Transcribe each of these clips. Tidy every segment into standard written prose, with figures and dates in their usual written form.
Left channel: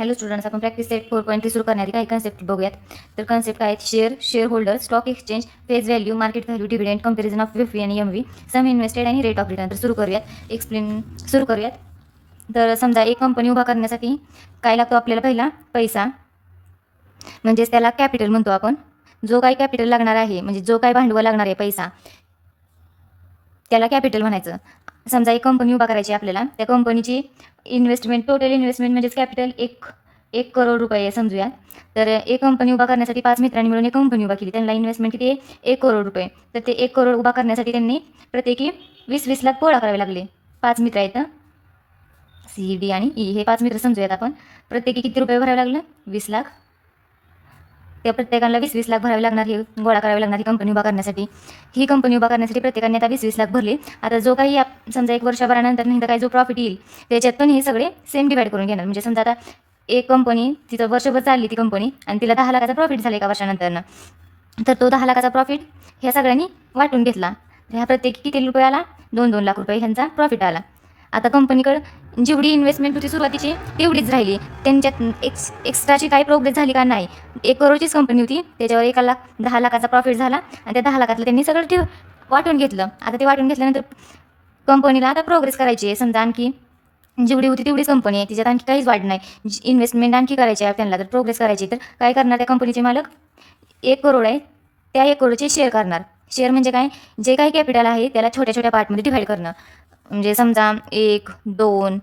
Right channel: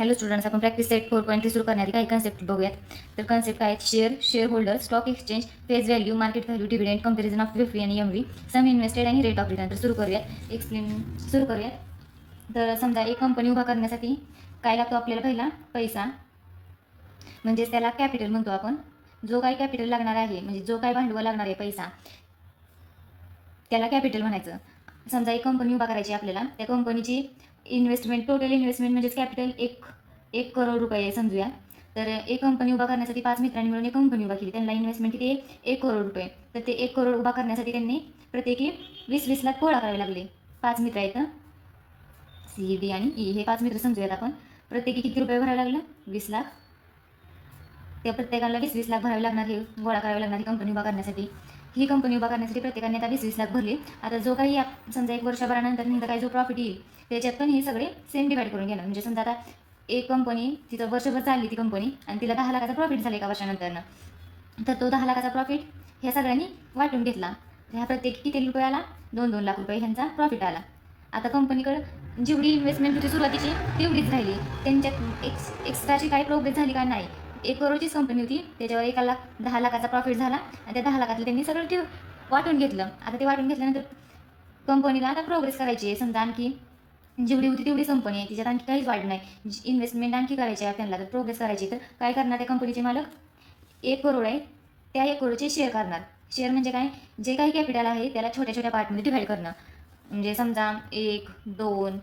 Hello students, आपण practice set 4.3 सुरू करण्याआधी काही कन्सेप्ट बघूयात. तर कन्सेप्ट काय आहेत? Share holder, stock exchange, face value, market value, dividend, comparison of V आणि एम व्ही, सम इन्व्हेस्टेड आणि रेट ऑफ रिटर्न. तर सुरू करूयात. तर समजा एक कंपनी उभा करण्यासाठी काय लागतो आपल्याला? पहिला पैसा, म्हणजेच त्याला कॅपिटल म्हणतो आपण. जो काही कॅपिटल लागणार आहे, म्हणजे जो काही भांडवल लागणार आहे पैसा, त्याला कॅपिटल म्हणायचं. समजा एक कंपनी उभा करायची आपल्याला, त्या कंपनीची इन्व्हेस्टमेंट, टोटल इन्व्हेस्टमेंट म्हणजेच कॅपिटल एक करोड रुपये आहे समजूया. तर एक कंपनी उभा करण्यासाठी 5 मित्रांनी मिळून एक कंपनी उभा केली. त्यांना इन्व्हेस्टमेंट किती आहे? 1 करोड रुपये. तर ते 1 करोड उभा करण्यासाठी त्यांनी प्रत्येकी 20-20 लाख गोळा करावे लागले. 5 मित्र आहेत, सी, डी आणि ई, हे 5 मित्र समजूयात आपण. प्रत्येकी किती रुपये भरावे लागले? 20 लाख. त्या प्रत्येकाला 20-20 लाख भरावे लागणार, हे गोळा करावे लागणार ही कंपनी उभा करण्यासाठी. ही कंपनी उभा करण्यासाठी प्रत्येकाने आता 20-20 लाख भरले. आता जो काही समजा 1 वर्षभरानंतर नाही तर काही जो प्रॉफिट येईल त्याच्यातून हे सगळे सेम डिवाइड करून घेणार. म्हणजे समजा आता एक कंपनी तिथं वर्षभर चालली ती कंपनी आणि तिला 10 लाखाचा प्रॉफिट झाला एका वर्षानंतर, तर तो 10 लाखाचा प्रॉफिट ह्या सगळ्यांनी वाटून घेतला. ह्या प्रत्येकी किती रुपये आला? 2-2 लाख रुपये ह्यांचा प्रॉफिट आला. आता कंपनीकडे जेवढी इन्व्हेस्टमेंट होती सुरुवातीची तेवढीच राहिली. त्यांच्यात एक्स्ट्राची काही प्रोग्रेस झाली का? नाही. 1 करोडचीच कंपनी होती, त्याच्यावर 1 लाख 10 लाखाचा प्रॉफिट झाला आणि त्या 10 लाखातलं त्यांनी सगळं वाटून घेतलं. आता ते वाटून घेतल्यानंतर कंपनीला आता प्रोग्रेस करायची आहे. समजा आणखी जेवढी होती तेवढीच कंपनी आहे, तिच्यात आणखी काहीच वाढ नाही. इन्व्हेस्टमेंट आणखी करायची आहे त्यांना, तर प्रोग्रेस करायची. तर काय करणार? त्या कंपनीचे मालक 1 करोड आहे, त्या 1 करोडचे शेअर करणार. शेअर म्हणजे काय? जे काही कॅपिटल आहे त्याला छोट्या छोट्या पार्टमध्ये डिव्हाइड करणं. म्हणजे समजा 1, 2,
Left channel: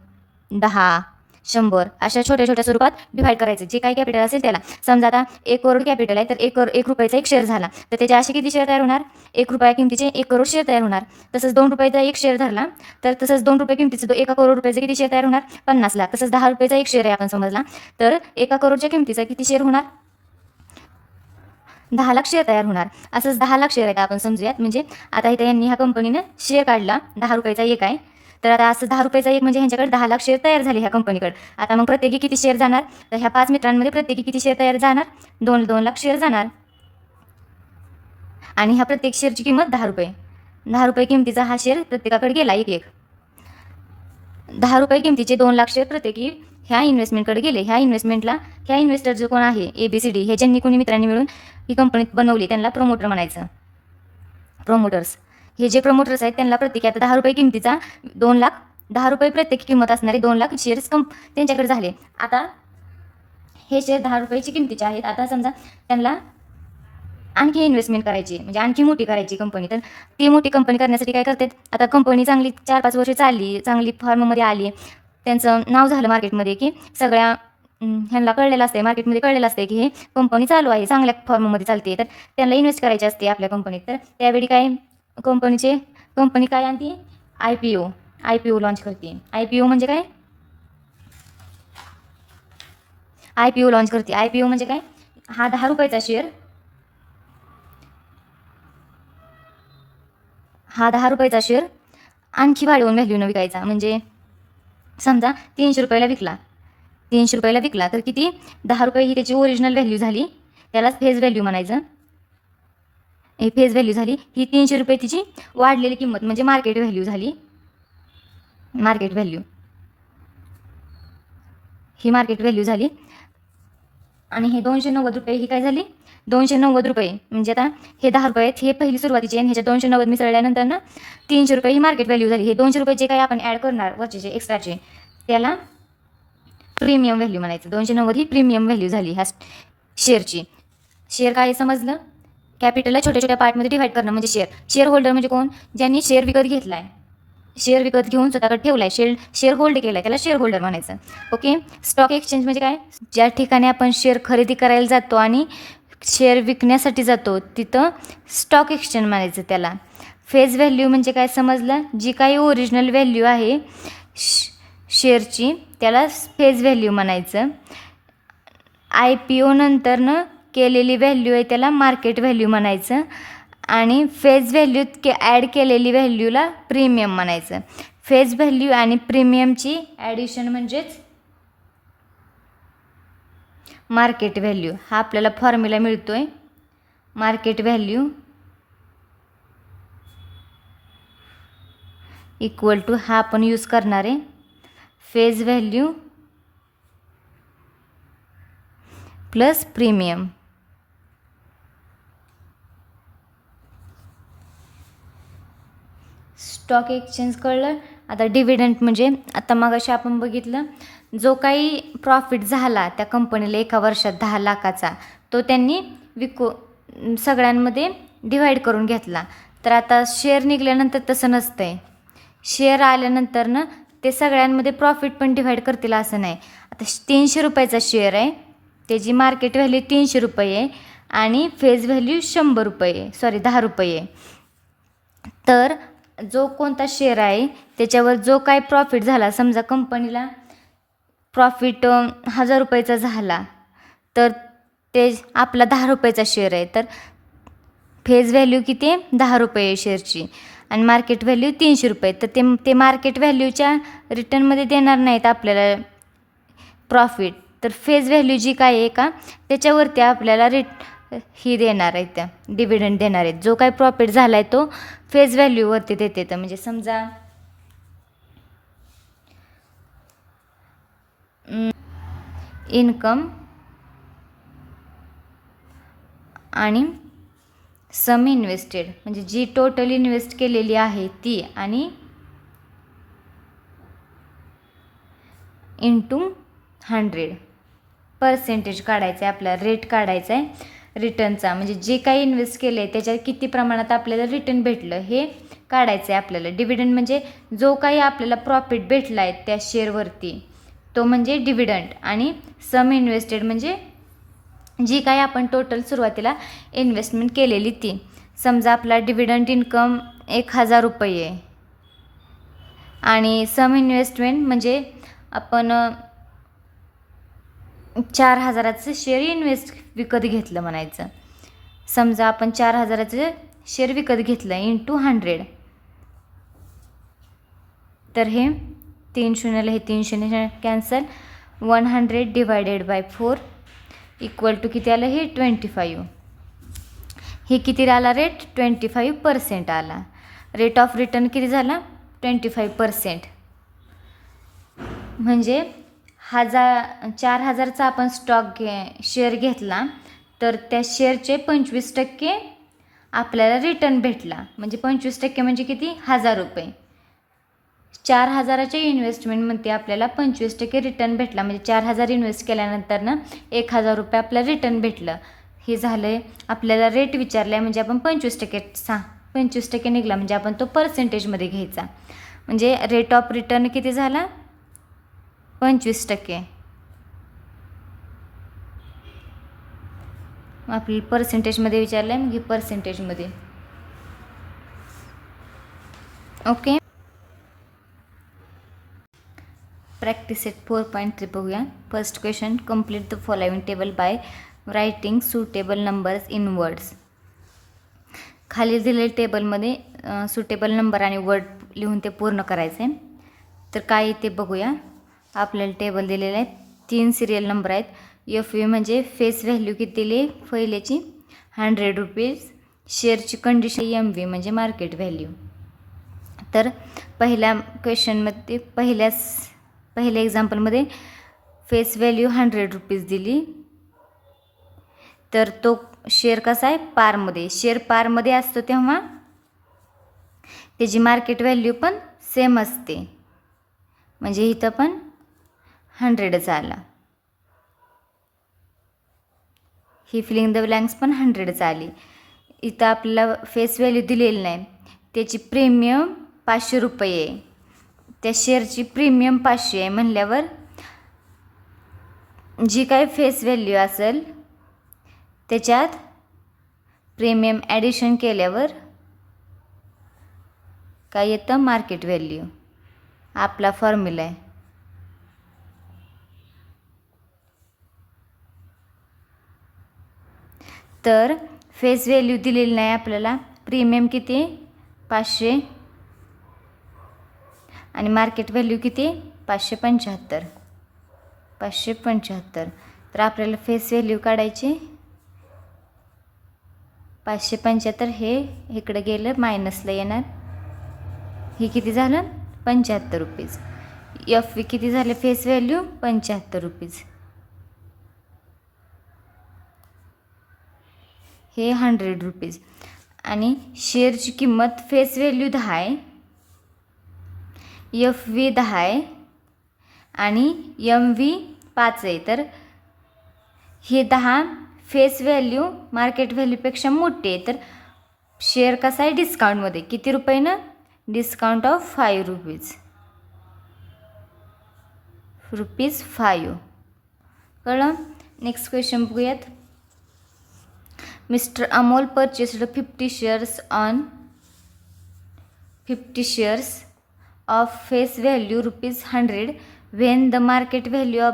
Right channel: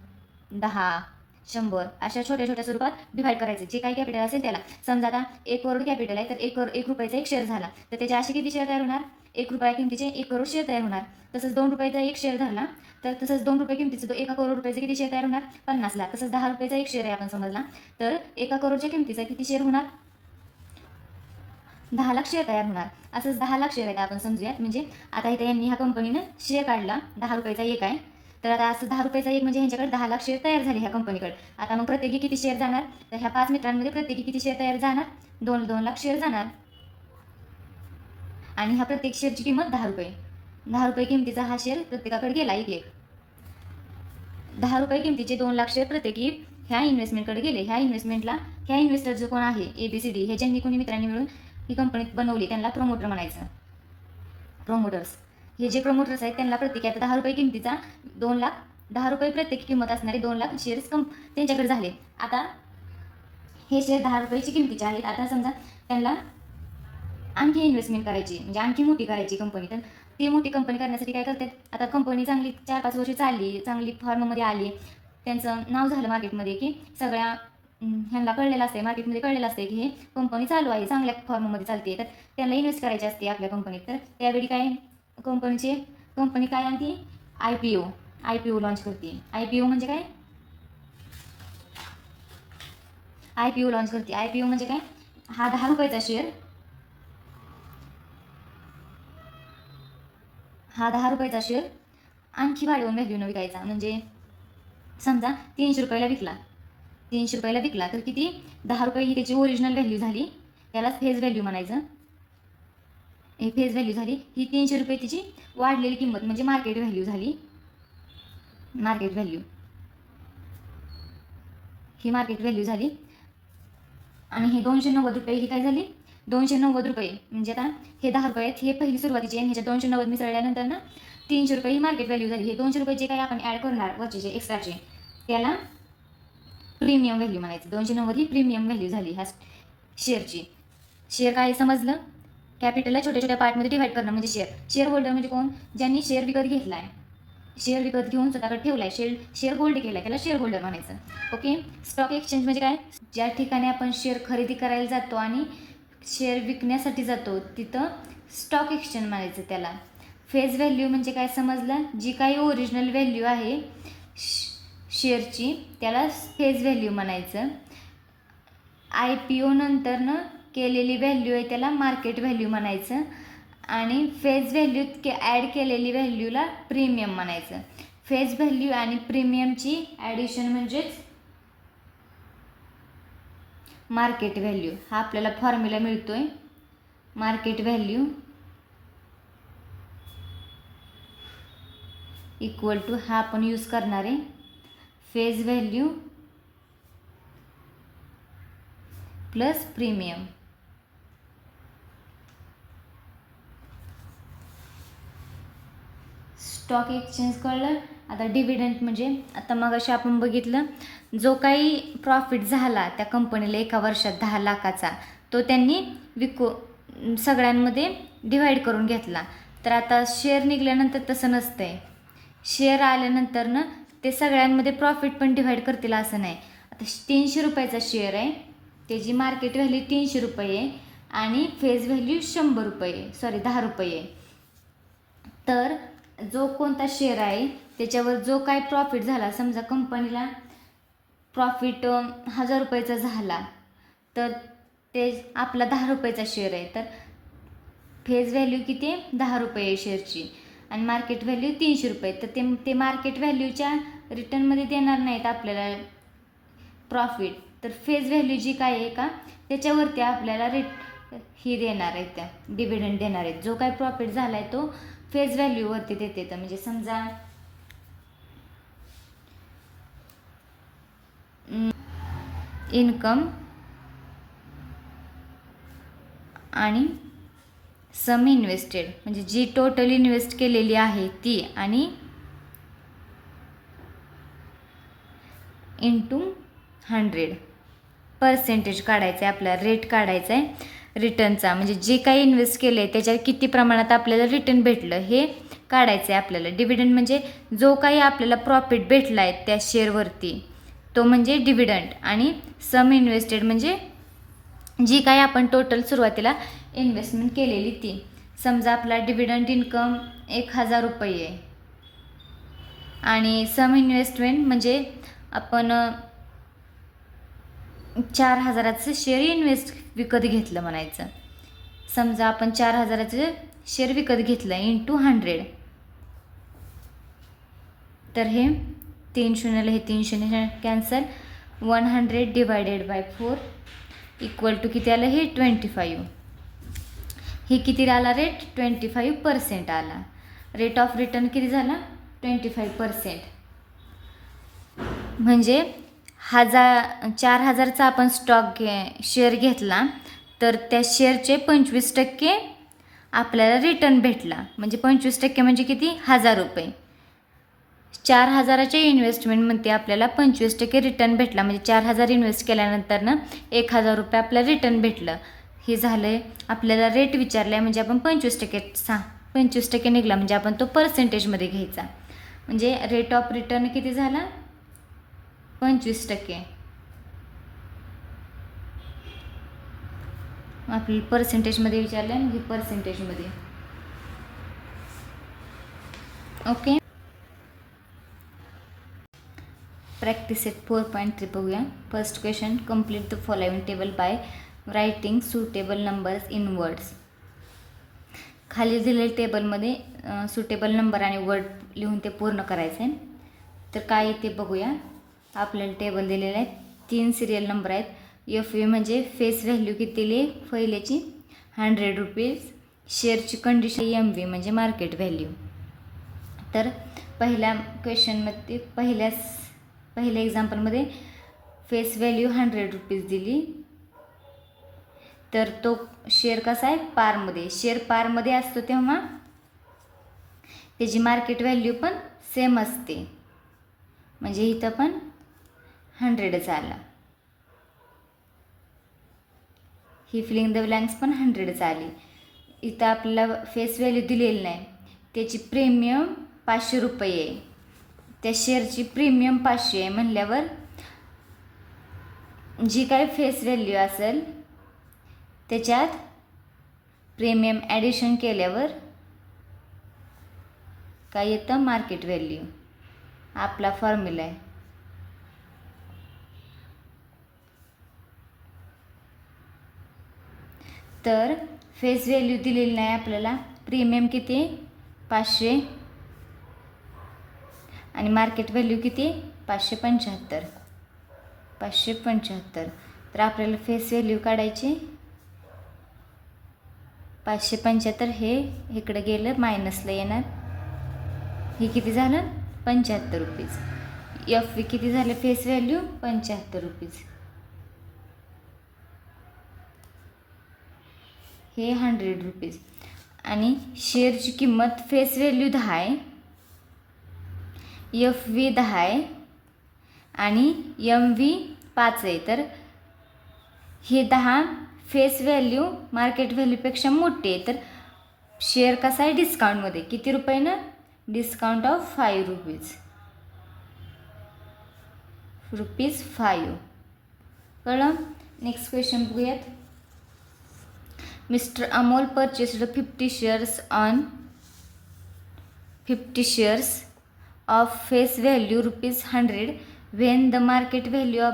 10, 100 अशा छोट्या छोट्या स्वरूपात डिव्हाइड करायचं जे काही कॅपिटल असेल त्याला. समजा आता 1 करोड कॅपिटल आहे, तर 1 रुपयाचा 1 शेअर झाला, तर त्याचे असे किती शेअर तयार होणार? 1 रुपया किमतीचे 1 करोड शेअर तयार होणार. तसंच 2 रुपयाचा 1 शेअर धरला, तर तसंच 2 रुपये किमतीचं 1 करोड रुपयाचे किती शेअर तयार होणार? 50 लाख. तसंच 10 रुपयाचा 1 शेअर आहे आपण समजला, तर 1 करोडच्या किमतीचा किती शेअर होणार? 10 लाख शेअर तयार होणार. असंच 10 लाख शेअर आहेत आपण समजूयात. म्हणजे आता इथे यांनी ह्या कंपनीनं शेअर काढला, 10 रुपयाचा 1 आहे, तर आता असं 10 रुपयाचा 1 म्हणजे ह्यांच्याकडे 10 लाख शेअर तयार झाले ह्या कंपनीकडे. आता मग प्रत्येकी किती शेअर जाणार? तर ह्या 5 मित्रांमध्ये प्रत्येकी किती शेअर तयार जाणार? 2-2 लाख शेअर जाणार. आणि ह्या प्रत्येक शेअरची किंमत 10 रुपये. 10 रुपये किमतीचा हा शेअर प्रत्येकाकडे गेला एक. 10 रुपये किमतीचे 2 लाख शेअर प्रत्येकी ह्या इन्व्हेस्टमेंटकडे गेले. ह्या इन्व्हेस्टर जो कोण आहे, ABCD, हे ज्यांनी कोणी मित्रांनी मिळून ही कंपनी बनवली त्यांना प्रमोटर म्हणायचं. प्रमोटर्स. हे जे प्रमोटर्स आहेत त्यांना प्रत्येकी आता 10 रुपये किमतीचा 2 लाख, 10 रुपये प्रत्येक किंमत असणारे 2 लाख शेअर्स त्यांच्याकडे झाले. आता हे शेअर 10 रुपयाची किमतीचे आहेत. आता समजा त्यांना आणखी इन्व्हेस्टमेंट करायची, म्हणजे आणखी मोठी करायची कंपनी. तर ती मोठी कंपनी करण्यासाठी काय करतात? आता कंपनी चांगली 4-5 वर्ष चालली, चांगली फॉर्ममध्ये आली, त्यांचं नाव झालं मार्केटमध्ये, की सगळ्या ह्यांना कळलेलं असते, मार्केटमध्ये कळलेलं असते की हे कंपनी चालू आहे, चांगल्या फॉर्ममध्ये चालते, तर त्यांना इन्व्हेस्ट करायची असते आपल्या कंपनीत. तर त्यावेळी काय कंपनी काय आणते? IPO लॉन्च करते. IPO म्हणजे काय? IPO लॉन्च करते. IPO म्हणजे काय? हा 10 रुपयाचा शेअर, हा 10 रुपयाचा शेअर आणखी वाढवून व्हॅल्यूनं विकायचा. म्हणजे समजा 300 रुपयाला विकला, 300 रुपयाला विकला, तर किती? 10 रुपये ही त्याची ओरिजिनल व्हॅल्यू झाली, त्यालाच फेस व्हॅल्यू म्हणायचं. ही फेस व्हॅल्यू झाली. ही 300 रुपये तिची वाढलेली किंमत म्हणजे मार्केट व्हॅल्यू झाली. मार्केट व्हॅल्यू ही मार्केट व्हॅल्यू झाली. आणि हे 290 रुपये ही काय झाली? 290 रुपये. म्हणजे आता हे 10 रुपये आहेत, हे पहिली सुरुवातीची, आणि ह्याच्या 290 मिसळल्यानंतर ना 300 रुपये ही मार्केट व्हॅल्यू झाली. हे 200 रुपये जे काही आपण ॲड करणार वरचे एक्स्ट्राचे, त्याला प्रीमियम व्हॅल्यू म्हणायचं. 290 ही प्रीमियम व्हॅल्यू झाली ह्या शेअरची. शेअर काय समजलं? कॅपिटलला छोट्या छोट्या पार्टमध्ये डिव्हाइड करणं म्हणजे शेअर होल्डर म्हणजे कोण? ज्यांनी शेअर विकत घेतलाय, शेअर विकत घेऊन स्वतःकडे ठेवलाय, शेअर होल्ड केलाय, त्याला शेअर होल्डर म्हणायचं. ओके. स्टॉक एक्सचेंज म्हणजे काय? ज्या ठिकाणी आपण शेअर खरेदी करायला जातो आणि शेअर विकण्यासाठी जातो तिथं स्टॉक एक्सचेंज म्हणायचं त्याला. फेस व्हॅल्यू म्हणजे काय समजलं? जी काही ओरिजिनल व्हॅल्यू आहे शेअरची त्याला फेस व्हॅल्यू म्हणायचं. IPO नंतरनं केलेली व्हॅल्यू आहे त्याला मार्केट व्हॅल्यू म्हणायचं. आणि फेस व्हॅल्यूत ॲड केलेली व्हॅल्यूला प्रीमियम म्हणायचं. फेस व्हॅल्यू आणि प्रीमियमची ॲडिशन म्हणजेच मार्केट व्हॅल्यू. हा आपल्याला फॉर्म्युला मिळतोय. मार्केट व्हॅल्यू इक्वल टू, हा आपण यूज करणार आहे, face value plus premium. Stock exchange कळलं. आता डिव्हिडंड म्हणजे आता मगाशी आपण बघितलं, जो काही प्रॉफिट झाला त्या कंपनीला एका वर्षात 10 लाखाचा, तो त्यांनी सगळ्यांमध्ये डिव्हाइड करून घेतला. तर आता शेअर निघाल्यानंतर तसं नसतं आहे. शेअर आल्यानंतर ना ते सगळ्यांमध्ये प्रॉफिट पण डिव्हाइड करतील असं नाही. आता 300 रुपयाचा शेअर आहे, त्याची मार्केट व्हॅल्यू 300 रुपये आहे आणि फेज व्हॅल्यू 100 रुपये, 10 रुपये. तर जो कोणता शेअर आहे त्याच्यावर जो काय प्रॉफिट झाला, समजा कंपनीला प्रॉफिट 1000 रुपयाचा झाला, तर ते आपला 10 रुपयाचा शेअर आहे, तर फेज व्हॅल्यू किती आहे 10 रुपये शेअरची आणि मार्केट व्हॅल्यू 300 रुपये. तर ते मार्केट व्हॅल्यूच्या रिटर्नमध्ये देणार नाहीत आपल्याला प्रॉफिट. तर फेज व्हॅल्यू जी काय आहे का त्याच्यावरती आपल्याला ही देणार आहेत, त्या डिव्हिडंड देणार आहेत. जो काय प्रॉफिट झाला आहे तो फेज व्हॅल्यूवरती देते. तर म्हणजे समजा इन्कम आणि सम इन्व्हेस्टेड म्हणजे जी टोटल इन्व्हेस्ट केलेली आहे ती आणि इंटू 100 पर्सेंटेज काढायचं आहे आपल्याला, रेट काढायचा आहे रिटर्नचा. म्हणजे जे काही इन्व्हेस्ट केलं आहे त्याच्यात किती प्रमाणात आपल्याला रिटर्न भेटलं हे काढायचं आहे आपल्याला. डिव्हिडंड म्हणजे जो काही आपल्याला प्रॉफिट भेटला आहे त्या शेअरवरती तो म्हणजे डिव्हिडंड आणि सम इन्व्हेस्टेड म्हणजे जी काही आपण टोटल सुरुवातीला इन्व्हेस्टमेंट केलेली ती. समजा आपला डिव्हिडंड इन्कम 1000 रुपये आहे आणि सम इन्व्हेस्टमेंट म्हणजे आपण 4000चं शेअर विकत घेतलं म्हणायचं. समजा आपण 4000चं शेअर विकत घेतलं इंटू 100, तर हे 3 शून्याला हे 3 शून्य cancel, 100 divided by 4 equal to किती आलं हे 25. हे किती आला रेट 25% आला. रेट ऑफ रिटर्न किती झाला 25%. म्हणजे 4000चा आपण शेअर घेतला तर त्या शेअरचे 25% आपल्याला रिटर्न भेटला. म्हणजे 25% म्हणजे किती 1000 रुपये. 4000च्या इन्व्हेस्टमेंटमध्ये आपल्याला 25% रिटर्न भेटला. म्हणजे 4000 इन्व्हेस्ट केल्यानंतर ना 1000 रुपये आपल्याला रिटर्न भेटलं. हे झालं आहे. आपल्याला रेट विचारला आहे म्हणजे आपण 25% निघाला म्हणजे आपण तो पर्सेंटेजमध्ये घ्यायचा. म्हणजे रेट ऑफ रिटर्न किती झाला 25%. आपली पर्सेंटेजमध्ये विचारलं आहे, मग ही पर्सेंटेजमध्ये. ओके. प्रॅक्टिस सेट 4.3 बघूया. First question, complete the following table by writing suitable numbers in words. खाली दिलेल्या टेबलमध्ये सुटेबल नंबर आणि वर्ड लिहून ते पूर्ण करायचे. तर काय ते बघूया. आपल्याला टेबल दिलेलं आहे, 3 सिरियल नंबर आहेत. FV म्हणजे फेस व्हॅल्यू किती दिली पहिल्याची 100 रुपीज. शेअरची कंडिशन MV म्हणजे मार्केट व्हॅल्यू. तर पहिल्या क्वेश्चनमध्ये पहिल्या एक्झाम्पलमध्ये फेस व्हॅल्यू 100 रुपीज दिली. तर तो शेअर कसा आहे पारमध्ये. शेअर पारमध्ये असतो तेव्हा त्याची मार्केट व्हॅल्यू पण सेम असते. म्हणजे इथं पण 100च आला. ही फिलिंग द ब्लँक्स पण 100च आली. इथं आपल्याला फेस व्हॅल्यू दिलेली नाही. त्याची प्रीमियम 500 रुपये आहे. त्या शेअरची प्रीमियम 500 आहे म्हणल्यावर जी काय फेस व्हॅल्यू असेल त्याच्यात प्रीमियम ॲडिशन केल्यावर काय येतं मार्केट व्हॅल्यू. आपला फॉर्म्युला आहे. तर फेस व्हॅल्यू दिलेली नाही आपल्याला. प्रीमियम किती 500 आणि मार्केट व्हॅल्यू किती 575. तर आपल्याला फेस व्हॅल्यू काढायची 575. हे इकडं गेलं मायनसला येणार. हे किती झालं 75 रुपीज. FV किती झालं फेस व्हॅल्यू 75 रुपीज. हे 100 रुपीज आणि शेअरची किंमत फेस व्हॅल्यू 10 आहे, FV 10 आहे आणि MV 5 आहे. तर हे 10 फेस व्हॅल्यू मार्केट व्हॅल्यूपेक्षा मोठी आहे. तर शेअर कसा आहे डिस्काउंटमध्ये, किती रुपयानं, डिस्काउंट ऑफ 5 रुपीज 5. कळलं. नेक्स्ट क्वेश्चन बघूयात. Mister Amol purchased 50 shares of face value ₹100 when the market value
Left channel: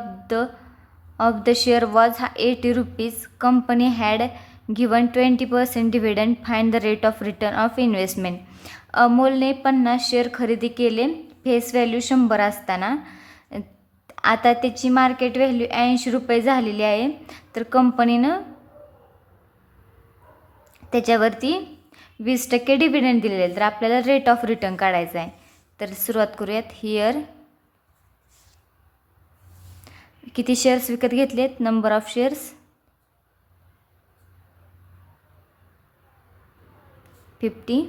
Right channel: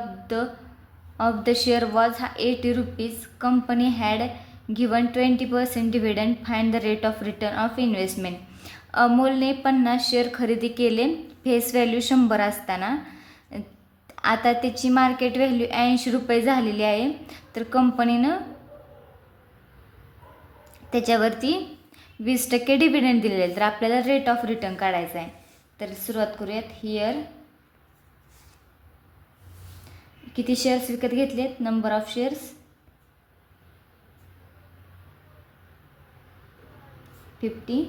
of the share was 80 rupees. Company had given 20% dividend. Find the rate of return of investment. अमोलने 50 share खरेदी केले face value 100 असताना. आता त्याची market value 80 रुपये झालेली आहे. तर कंपनीनं त्याच्यावरती 20% डिव्हिडंड दिलेले आहे. तर आपल्याला रेट ऑफ रिटर्न काढायचा आहे. तर सुरुवात करूयात. हिअर किती शेअर्स विकत घेतलेत, number of shares 50.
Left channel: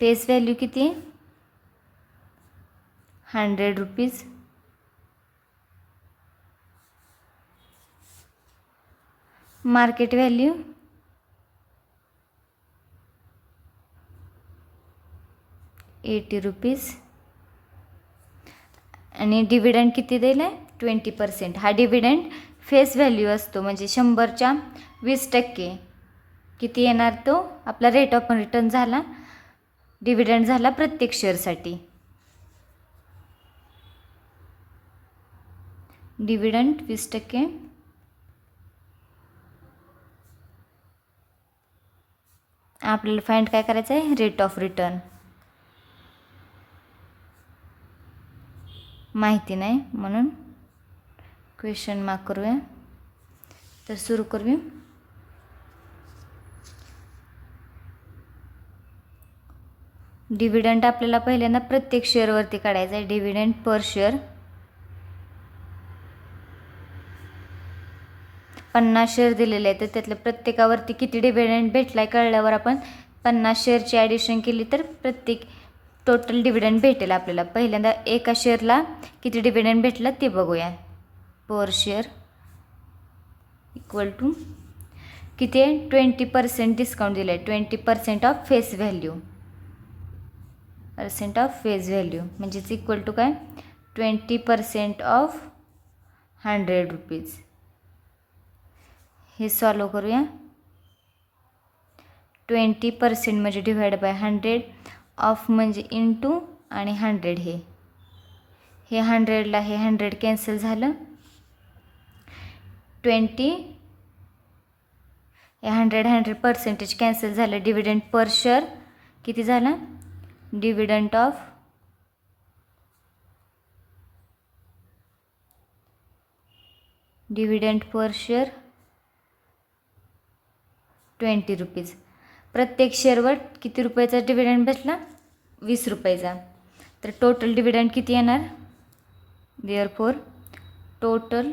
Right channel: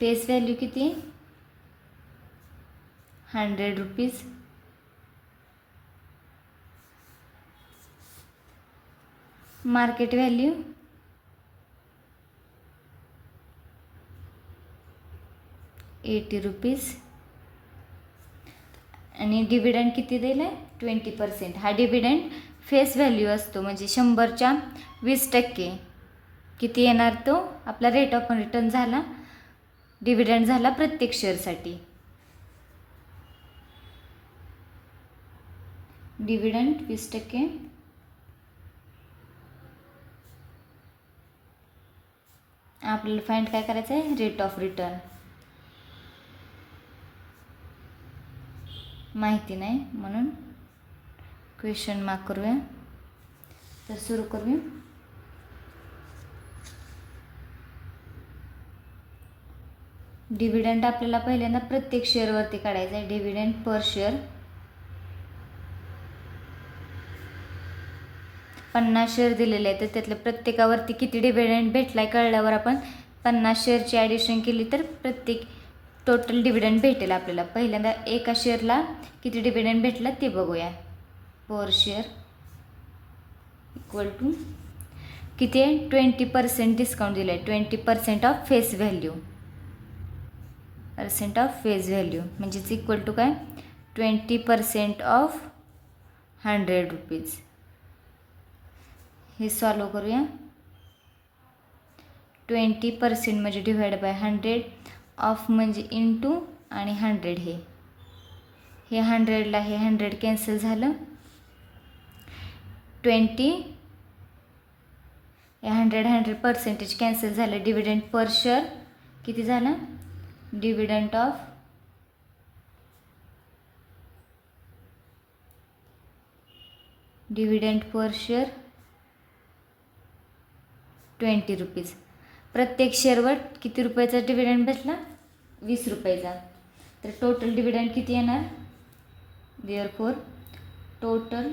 Face value किती, 100 रुपीज. मार्केट व्हॅल्यू 80 रुपीज आणि डिव्हिडंड किती दिलं आहे, 20%. हा डिव्हिडंड फेस व्हॅल्यू असतो, म्हणजे 100च्या 20% किती येणार, तो आपला रेट ऑफ रिटर्न झाला, डिव्हिडंड झाला प्रत्येक शेअरसाठी. डिव्हिडंड 20%. आपल्याला फाइंड काय करायचं आहे, रेट ऑफ रिटर्न. माहिती नाही म्हणून क्वेश्चन मार्क करूया. तर सुरू करूया. डिव्हिडंड आपल्याला पहिल्यांदा प्रत्येक शेअरवरती काढायचं आहे. डिव्हिडंड पर शेअर 50 शेअर दिलेले आहेत. तर त्यातल्या प्रत्येकावरती किती डिव्हिडंड भेटला आहे कळल्यावर आपण 50 शेअरची ॲडिशन केली तर प्रत्येक टोटल डिव्हिडंड भेटेल आपल्याला. पहिल्यांदा एका शेअरला किती डिव्हिडंड भेटला ते बघूया. पर शेअर इक्वल टू किती आहे, 20% डिस्काउंट दिलं आहे. 20% ऑफ फेस व्हॅल्यू, म्हणजेच इक्वल टू काय, 20% ऑफ 100 रुपीज. हे सॉल्व करूया. 20% म्हणजे डिवाइड बाय 100, ऑफ म्हणजे इंटू आणि 100. हे 100ला हे 100 कॅन्सल झालं. 20 हे 100% कॅन्सल झालं. डिव्हिडंड पर शेअर किती झालं, डिव्हिडंड पर शेअर 20 रुपीज. प्रत्येक शेअरवर किती रुपयाचा डिव्हिडंड बसला, 20 रुपयाचा. तर टोटल डिव्हिडंड किती येणार, therefore total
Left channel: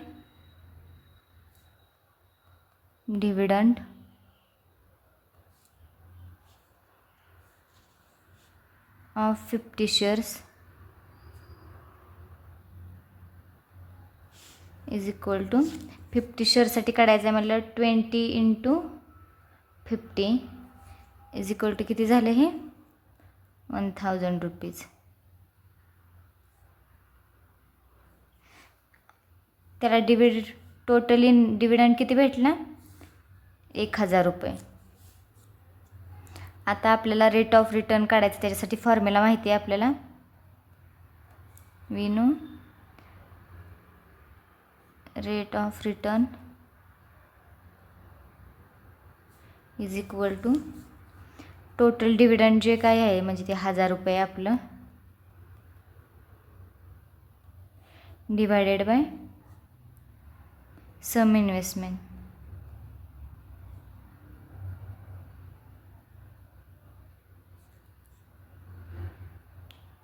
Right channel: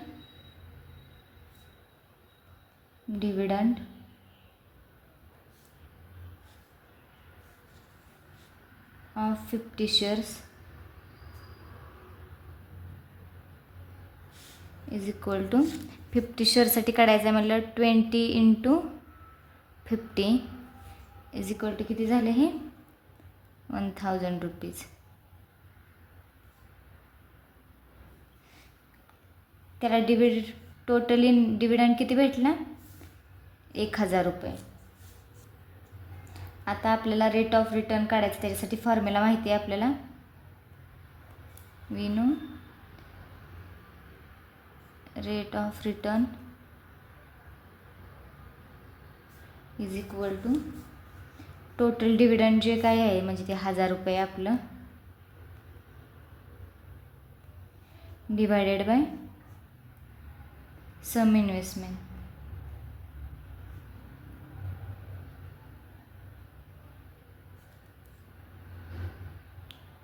dividend of 50 shares is equal to 50 शेअरसाठी काढायचं आहे म्हटलं 20 इंटू 50 इज इक्वल टू किती झालं, हे 1000 रुपीज. त्याला टोटली डिव्हिडंड किती भेटला, 1000 रुपये. आता आपल्याला रेट ऑफ रिटर्न काढायचं, त्याच्यासाठी फॉर्म्युला माहिती आहे आपल्याला. We know rate of return is equal to total dividend जे काय आहे, म्हणजे ते 1000 रुपये आपलं, divided by sum investment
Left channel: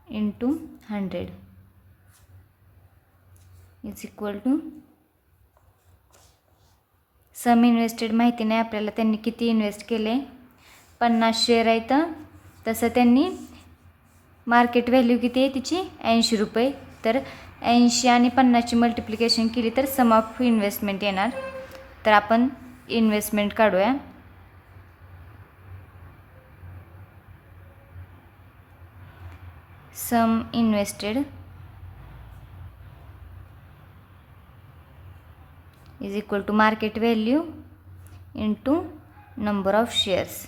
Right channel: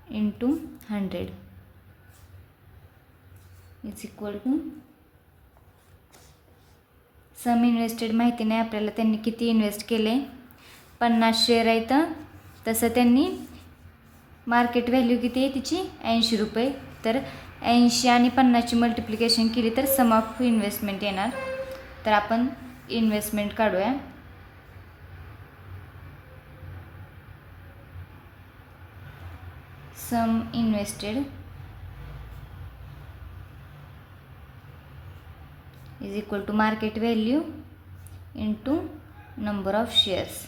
into 100 is equal to sum invested माहिती नाही आपल्याला, त्यांनी किती इन्व्हेस्ट केले, 50 शेअर आहेत. तसं त्यांनी मार्केट व्हॅल्यू किती आहे तिची 80 रुपये. तर 80 आणि 50ची मल्टिप्लिकेशन केली तर सम ऑफ इन्व्हेस्टमेंट येणार. तर आपण इन्व्हेस्टमेंट काढूया. Sum invested is equal to market value into number of shares.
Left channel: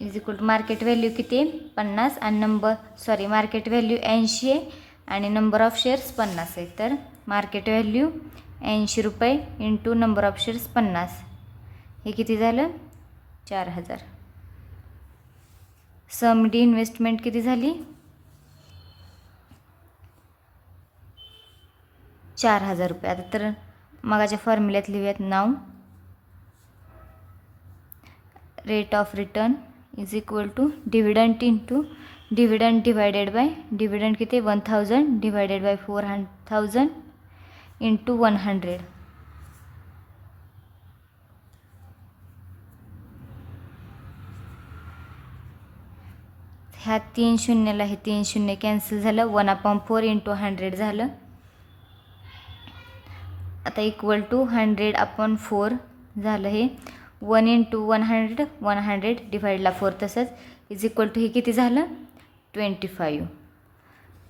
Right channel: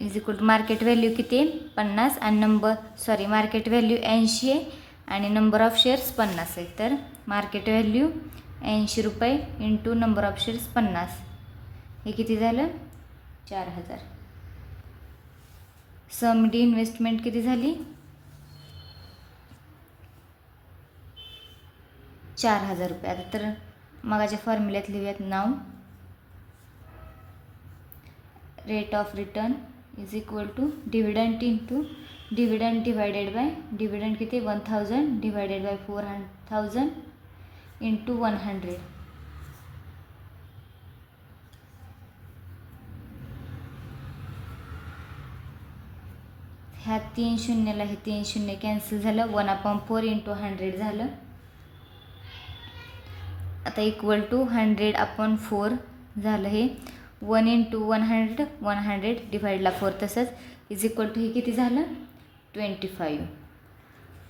Is equal to market value किती आहे 50 आणि मार्केट व्हॅल्यू 80 आहे आणि नंबर ऑफ शेअर्स 50 आहे. तर मार्केट व्हॅल्यू 80 रुपये इंटू नंबर ऑफ शेअर्स 50, हे किती झालं 4000. सम डी इन्व्हेस्टमेंट किती झाली 4000 रुपये. आता तर मगाच्या फॉर्म्युल्यात लिहूयात नाव. Rate of return is equal to dividend into dividend divided by dividend किती 1000 डिवायडेड बाय 4000 इंटू 100. ह्या 3 शून्यला हे 3 शून्य कॅन्सल झालं. 1/4 इंटू 100 झालं. आता इक्वल टू 100/4 झालं. हे 1 इंटू 100 100 डिवाइडला 4 तसंच इज इक्वल टू हे किती झालं 25.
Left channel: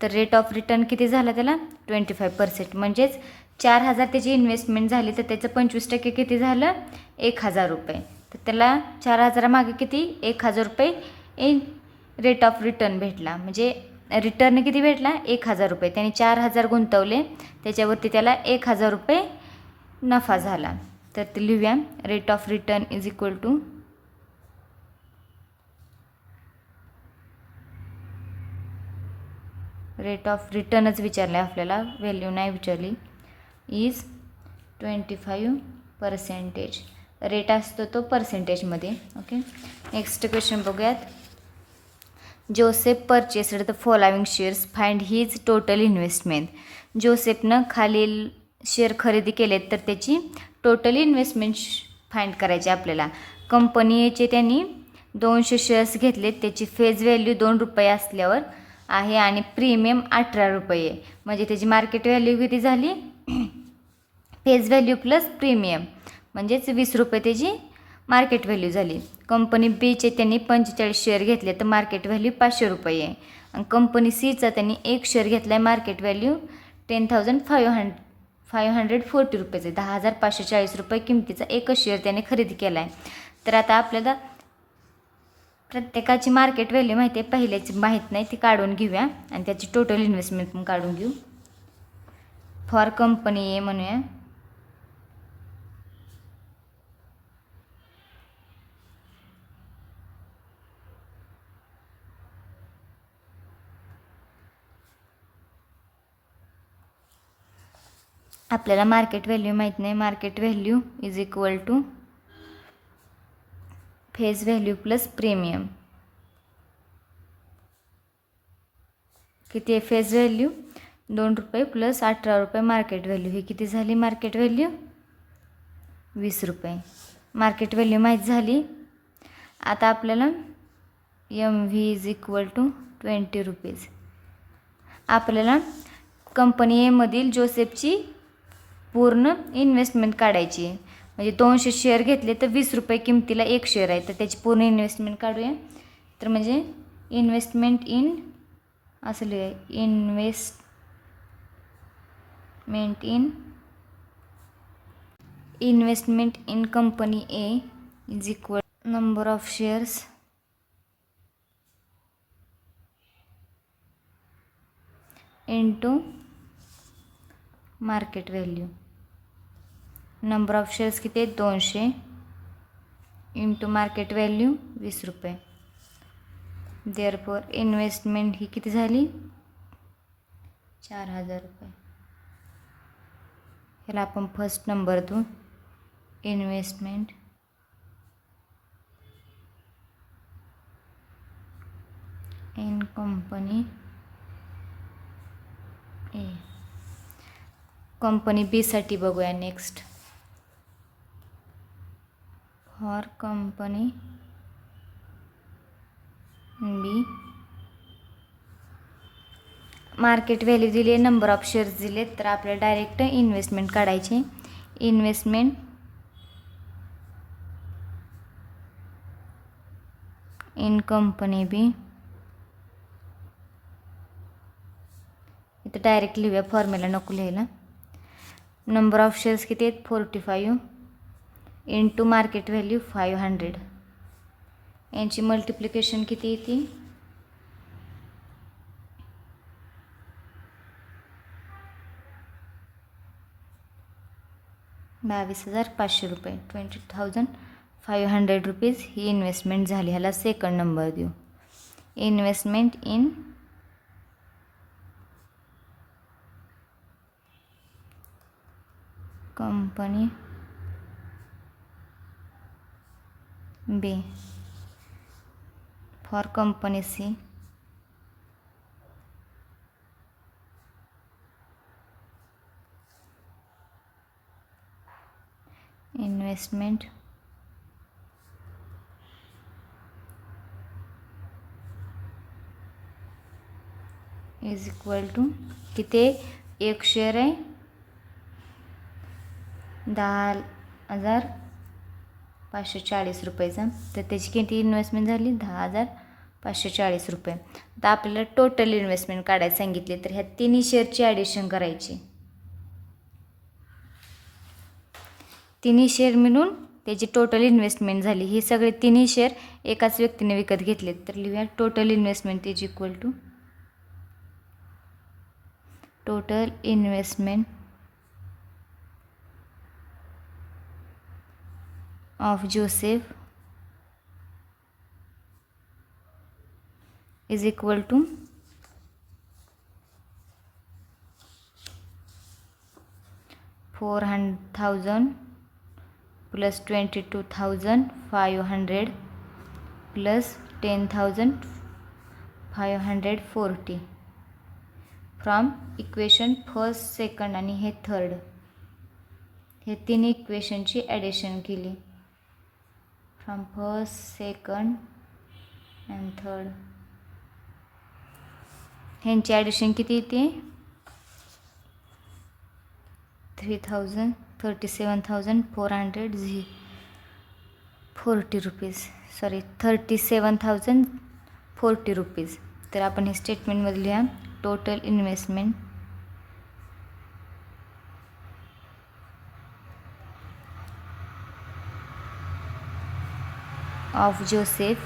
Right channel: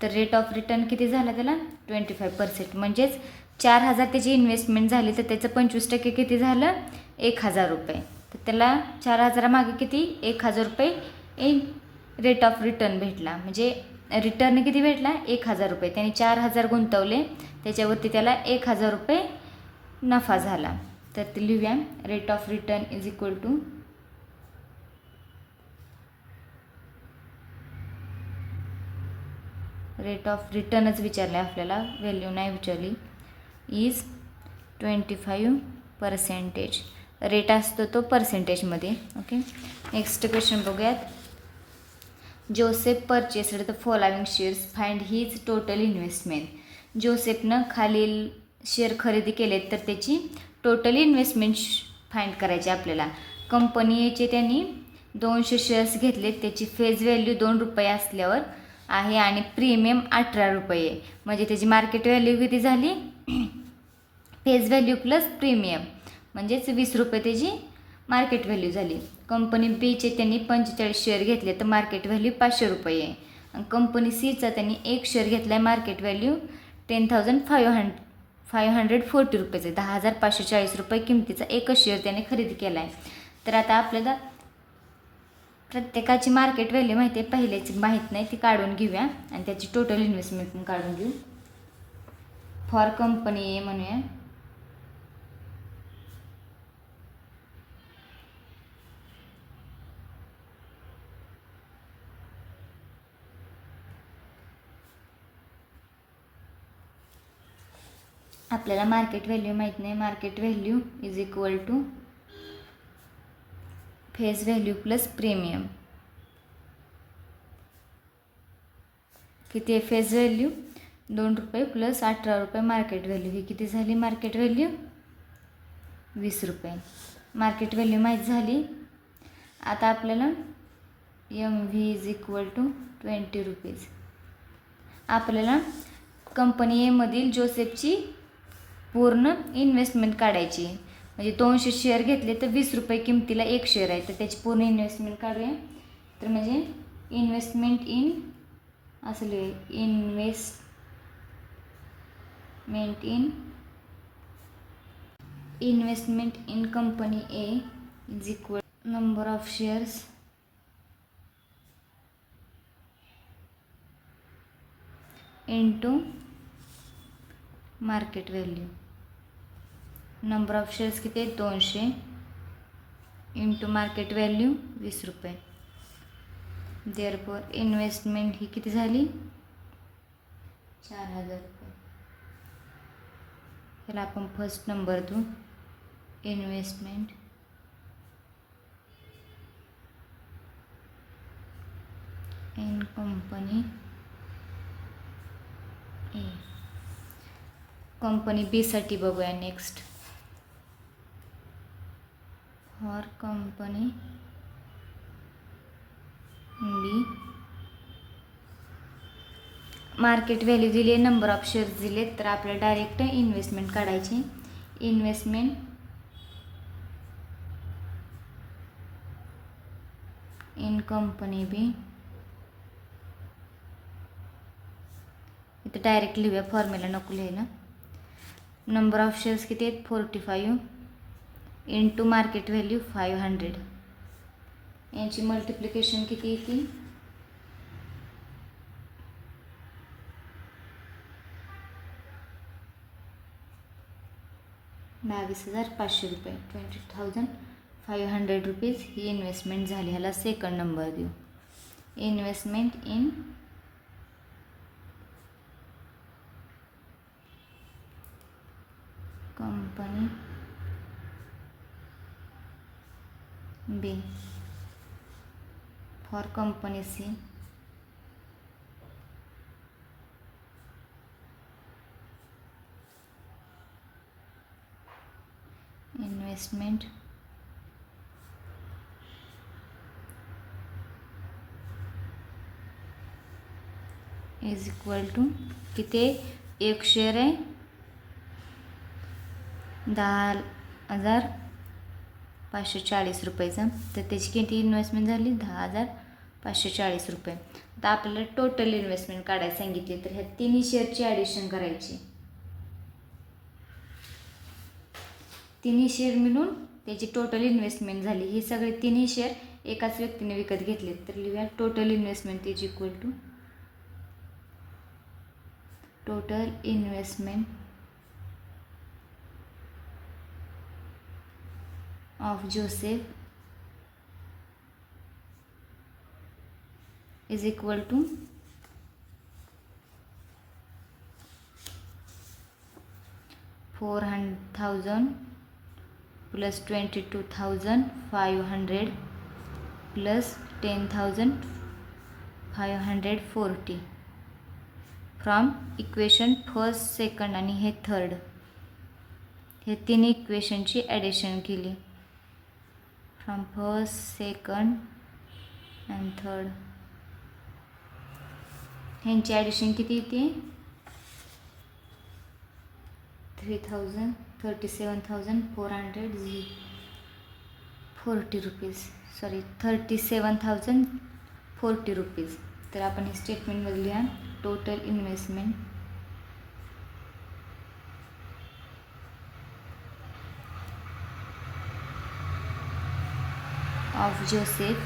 तर रेट ऑफ रिटर्न किती झाला त्याला 25%. म्हणजेच 4000 त्याची इन्व्हेस्टमेंट झाली तर त्याचं 25% किती झालं 1000 रुपये. तर त्याला 4000 मागे किती 1000 रुपये इन रेट ऑफ रिटर्न भेटला. म्हणजे रिटर्न किती भेटला 1000 रुपये. त्याने 4000 गुंतवले, त्याच्यावरती त्याला 1000 रुपये नफा झाला. तर ते लिहूया rate of return is equal to rate of रिटर्नच विचारलं आहे आपल्याला, व्हॅल्यू नाही विचारली. इज 25%. रेट असतो तो पर्सेंटेजमध्ये. ओके, नेक्स्ट क्वेश्चन बघूयात. Joseph purchased the following shares, find his total investment. जोसेफनं खालील शेअर खरेदी केलेत तर त्याची टोटल इन्व्हेस्टमेंट फाइंड करायची आपल्याला. कंपनी एचे त्यांनी 200 शेअर्स घेतलेत, त्याची फेज व्हॅल्यू 2 रुपये असल्यावर आहे आणि प्रीमियम 18 रुपये आहे. म्हणजे त्याची मार्केट व्हॅल्यू किती झाली फेज व्हॅल्यू प्लस प्रीमियम म्हणजेच 20 रुपये त्याची मार्केट व्हॅल्यू झाली. कंपनी बीचे त्यांनी 45 शेअर घेतले तर मार्केट व्हॅल्यू 500 रुपये आहे. आणि कंपनी सीचा त्यांनी 1 शेअर घेतला आहे, मार्केट व्हॅल्यू 10,540 रुपयेचे 10,540 रुपये किमतीचा एकच शेअर त्याने खरेदी केला आहे. तर आता आपल्याला प्रत्येकाची मार्केट व्हॅल्यू माहिती आहे, पहिल्याची माहीत नाही ती काढून घेऊया आणि त्याची टोटल इन्व्हेस्टमेंट पण काढून घेऊ. फॉर कंपनी ए म्हणूया. आपल्याला मार्केट व्हॅल्यू माहीत नाही. Market value is equal two phase value plus premium. किती आहे फेज व्हॅल्यू 2 रुपये प्लस 18 रुपये मार्केट व्हॅल्यू. ही किती झाली मार्केट व्हॅल्यू 20 रुपये. मार्केट व्हॅल्यू माहीत झाली. आता आपल्याला MV is equal to 20 rupees. आपल्याला कंपनी एमधील जोसेफची पूर्ण इन्व्हेस्टमेंट काढायची आहे. म्हणजे 200 शेअर घेतले तर 20 रुपये किमतीला 1 शेअर आहे, तर त्याची पूर्ण इन्व्हेस्टमेंट काढूया. तर म्हणजे इन्व्हेस्टमेंट इन असं लिहूया investment in company A is equal number of shares into market value. Number of shares किती आहेत 200 इंटू मार्केट व्हॅल्यू 20 रुपये. देअरफॉर इन्व्हेस्टमेंट ही किती झाली 4000 रुपये. ह्याला आपण फर्स्ट नंबर देऊ. Investment in company A. Company बीसाठी बघूया next. For company B market value दिली, नंबर ऑफ शेअर्स दिले, तर आपल्याला डायरेक्ट इन्व्हेस्टमेंट काढायची. इन्व्हेस्टमेंट इन कंपनी बी, इथं डायरेक्ट लिहूया, फॉर्म्युला नको लिहायला. नंबर ऑफ शेअर्स किती आहेत 45 इंटू मार्केट व्हॅल्यू 500. यांची मल्टिप्लिकेशन किती येते 22,500 रुपये. 20,500 रुपीज ही इन्व्हेस्टमेंट झाली. ह्याला सेकंड नंबर देऊ. Investment in company B for company C investment is equal to किती, एक शेअर आहे 10,540 रुपयाचा, तर त्याची किती इन्व्हेस्टमेंट झाली 10,540 रुपये. तर आपल्याला टोटल इन्व्हेस्टमेंट काढायला सांगितली, तर ह्या तिन्ही शेअरची ॲडिशन करायची. तिन्ही शेअर मिळून त्याची टोटल इन्व्हेस्टमेंट झाली. ही सगळे तिन्ही शेअर एकाच व्यक्तीने विकत घेतले, तर लिहूया total investment is equal to total investment of Joseph is equal to 400,000 plus 22,500 plus 10,540 from equation first, second आणि हे थर्ड, हे तिन्ही इक्वेशनची ॲडिशन केली. From first, second and third, ह्यांची ॲडिशन किती येते 37,440 रुपीज, सॉरी 37,040 रुपीज. तर आपण हे स्टेटमेंटमध्ये लिहा total investment of Joseph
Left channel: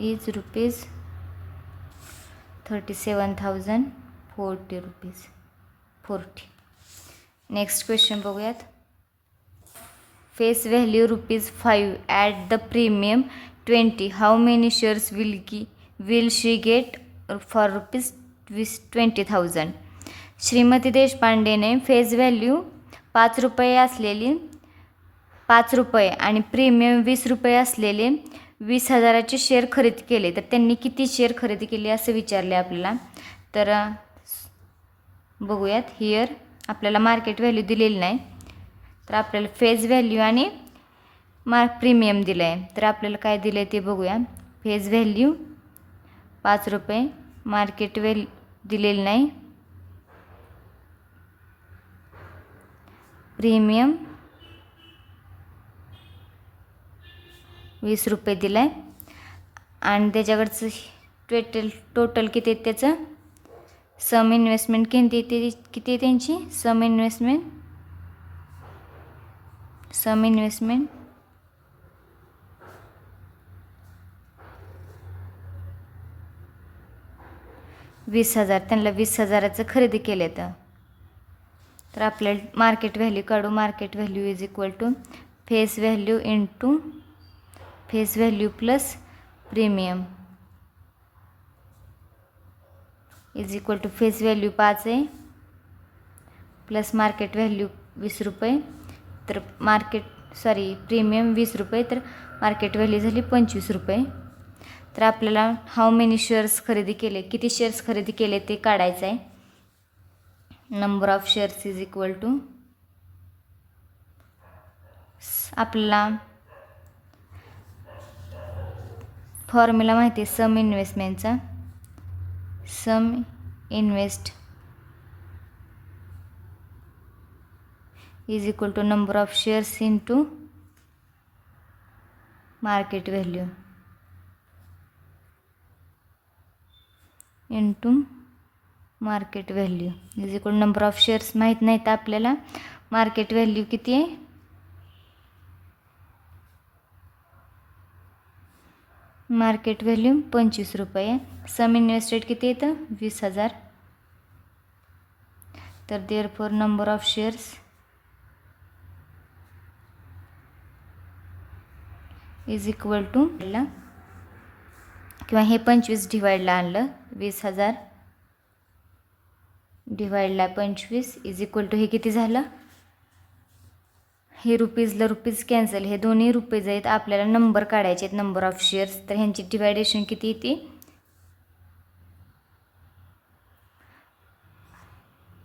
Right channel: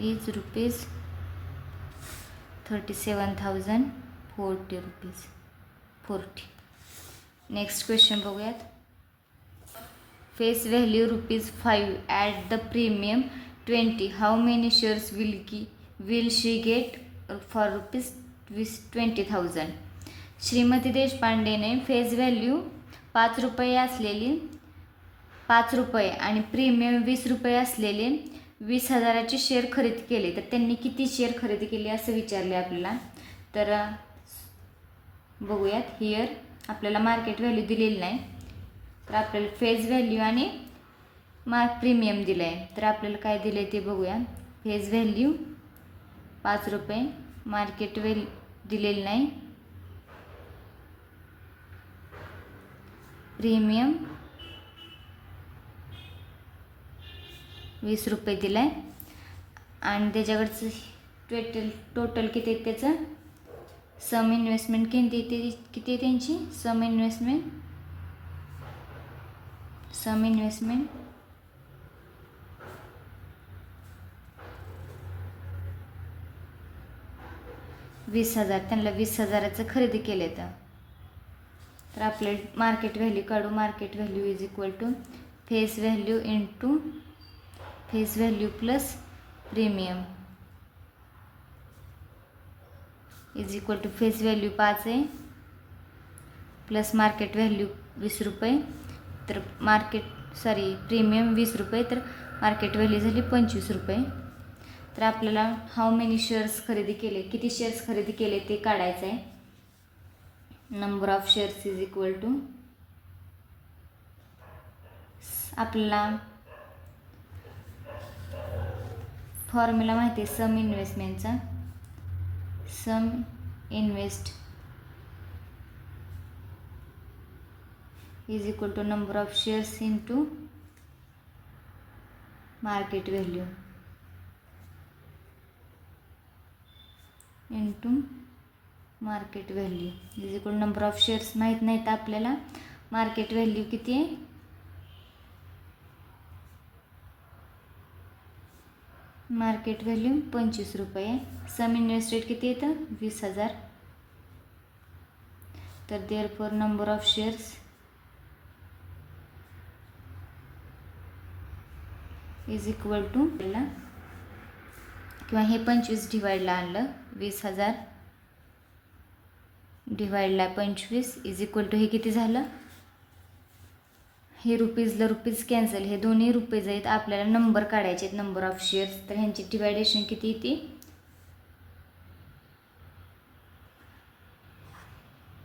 is rupees 37,040 rupees 40. Next question बघूयात. Face value ₹5 at the premium 20. How many shares will she get for ₹20,000. Shrimati देशपांडेने फेस व्हॅल्यू ₹5 असलेली 5 रुपये आणि प्रीमियम ₹20 असलेले 20,000चे शेअर खरेदी केले, तर त्यांनी किती शेअर खरेदी केले असं विचारले आपल्याला. तर बघूयात. हिअर आपल्याला मार्केट व्हॅल्यू दिलेली नाही, तर आपल्याला फेस व्हॅल्यू आणि प्रीमियम दिलं आहे. तर आपल्याला काय दिलं आहे ते बघूया. फेस व्हॅल्यू 5 रुपये, मार्केट व्हॅल्यू दिलेली नाही, प्रीमियम 20 रुपये दिला आहे आणि त्याच्याकडचं टोटल किती आहे त्याचं सम इन्व्हेस्टमेंट किती आहे त्यांची सम इन्व्हेस्टमेंट 20,000. त्यांना 20,000चं खरेदी केले. तर आपल्याला मार्केट व्हॅल्यू काढू. Market value is equal to face value into face value plus premium is equal to face value 5 आहे प्लस मार्केट व्हॅल्यू 20 रुपये, तर प्रीमियम 20 रुपये, तर मार्केट व्हॅल्यू झाली 25 रुपये. तर आपल्याला हाऊ मेनी शेअर्स खरेदी केले, किती शेअर्स खरेदी केले ते काढायचं आहे. Number of shares is equal to, आपल्याला फॉर्म्युला माहिती आहे सम इन्व्हेस्टमेंटचा. Sum invest is equal to number of shares into market value into market value is equal number of shares माहीत नाही तर आपल्याला मार्केट व्हॅल्यू किती आहे, मार्केट व्हॅल्यू 25 रुपये आहे. सम इन्व्हेस्टेड किती येतं 20,000. तर therefore number of shares is equal to, किंवा हे 25 डिवाइडला आणलं, 20,000 डिवाइडला 25 इज इक्वल टू, हे किती झालं, हे रुपीजला रुपीज कॅन्सल, हे दोन्ही रुपीज आहेत. आपल्याला नंबर काढायचे आहेत, नंबर ऑफ शेअर्स. तर ह्यांची डिवायडेशन किती येते,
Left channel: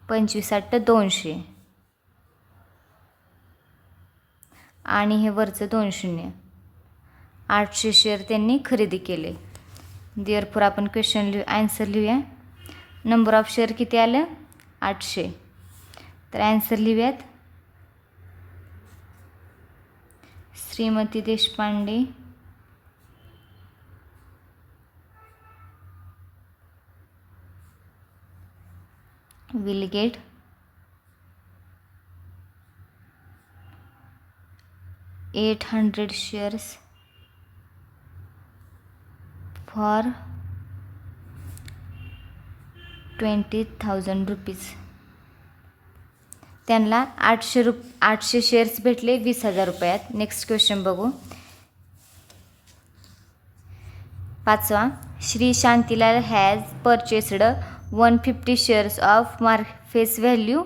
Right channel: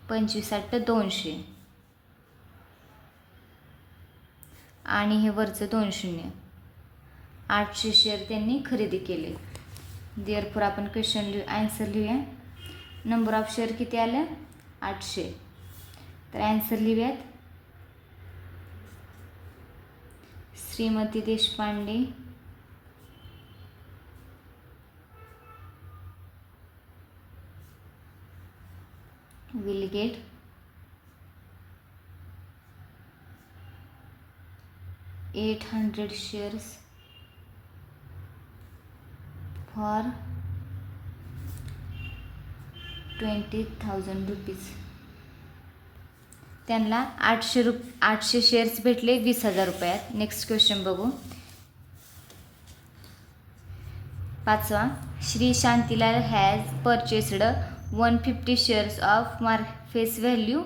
25/200 आणि हे वरचं 2 शून्य, 800 शेअर त्यांनी खरेदी केले. देअरफॉर आपण क्वेश्चन आन्सर लिहूया. नंबर ऑफ शेअर किती आलं 800. तर आन्सर लिहूयात, Shrimati Deshpande will get 800 shares for 20,000 rupees. त्यांना 800 शेअर्स भेटले 20,000 रुपयात. नेक्स्ट क्वेश्चन बघू. 5वा, Shri Shantilal has purchased 150 shares of face value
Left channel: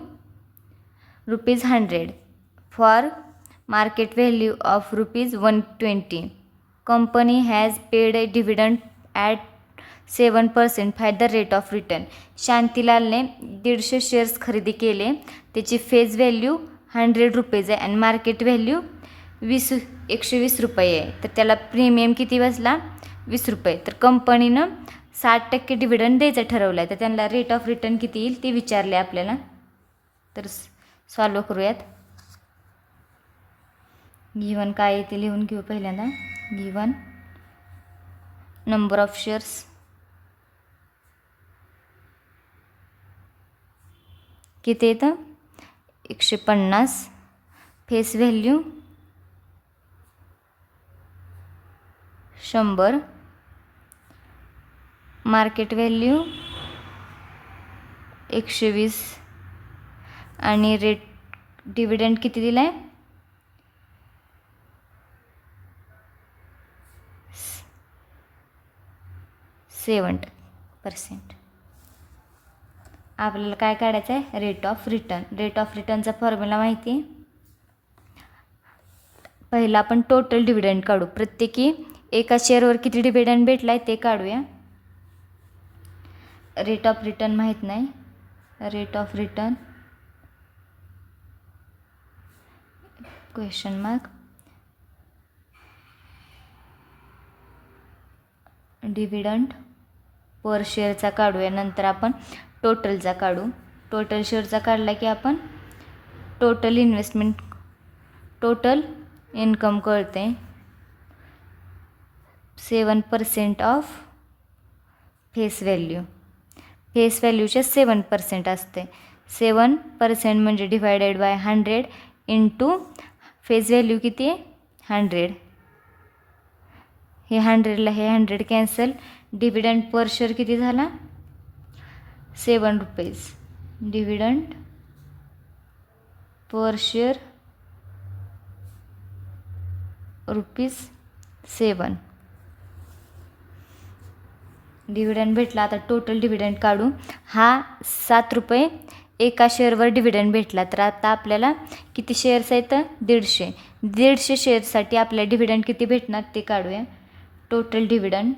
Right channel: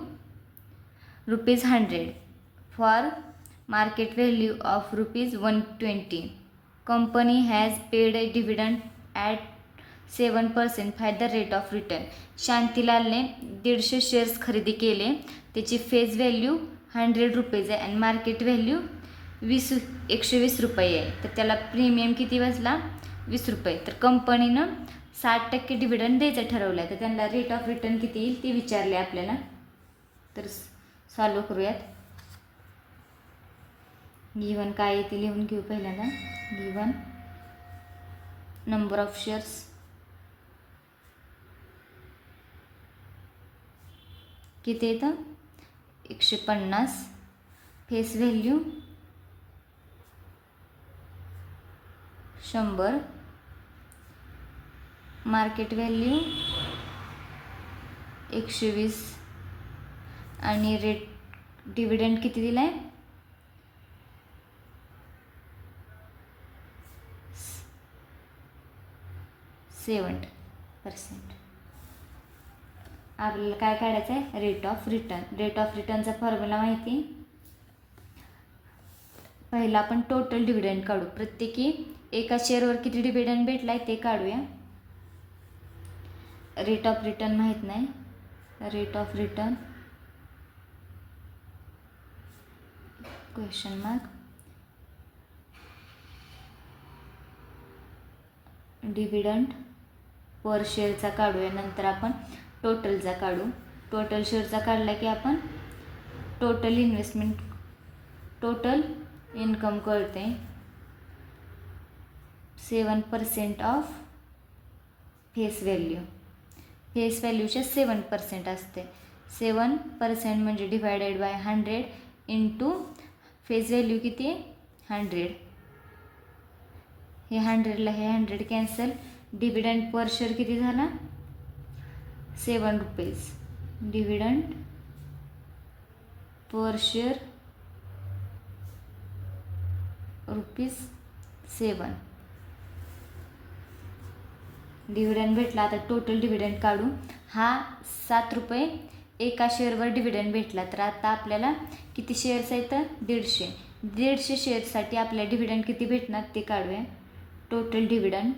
₹100 for market value of ₹120. Company has paid a dividend at 7% at the rate of return. शांतीलालने 150 shares खरेदी केले, त्याची face value ₹100 आहे आणि मार्केट व्हॅल्यू 120 रुपये आहे. तर त्याला प्रीमियम किती बसला 20 रुपये. तर कंपनीनं 60% डिव्हिडंड द्यायचं ठरवलं आहे. तर त्यांना रेट ऑफ रिटर्न किती येईल ते विचारले आपल्याला. तर सॉल्व करूयात. गिवन काय आहे ते लिहून घेऊ पहिल्यांदा. गिवन नंबर ऑफ शेअर्स किती येतं 150, फेस व्हॅल्यू 100, मार्केट व्हॅल्यू 120 आणि रेट डिव्हिडंड किती दिला आहे 7%. आपल्याला काय काढायचं आहे rate of return. Rate of रिटर्नचा फॉर्म्युला माहिती आहे. पहिला आपण टोटल डिव्हिडंड काढू. प्रत्येकी एका शेअरवर किती डिव्हिडंड भेटला आहे ते काढूया. रेट ऑफ रिटर्न माहीत नाही. Rate of return question mark dividend per शेअरचा काढूया. नंतर आपण टोटलचा काढू. टोटल शेअरचा काढला की आपण टोटल इन्व्हेस्टमेंट टोटल इन्कम कळते. 7% ऑफ फेस व्हॅल्यू. फेस व्हॅल्यूच्या 7% असते. 7% म्हणजे divided by 100 into face value किती आहे 100. हे 100ला हे 100 कॅन्सल. डिव्हिडंड पर शेअर किती झाला 7 rupees. Dividend per share ₹7. Dividend भेटला. आता टोटल डिव्हिडंड काढू. हा 7 रुपये एका शेअरवर डिव्हिडंड भेटला. तर आता आपल्याला किती शेअर्स आहेत 150 शेअर्ससाठी आपल्याला डिव्हिडंड किती भेटणार ते काढूया. Total dividend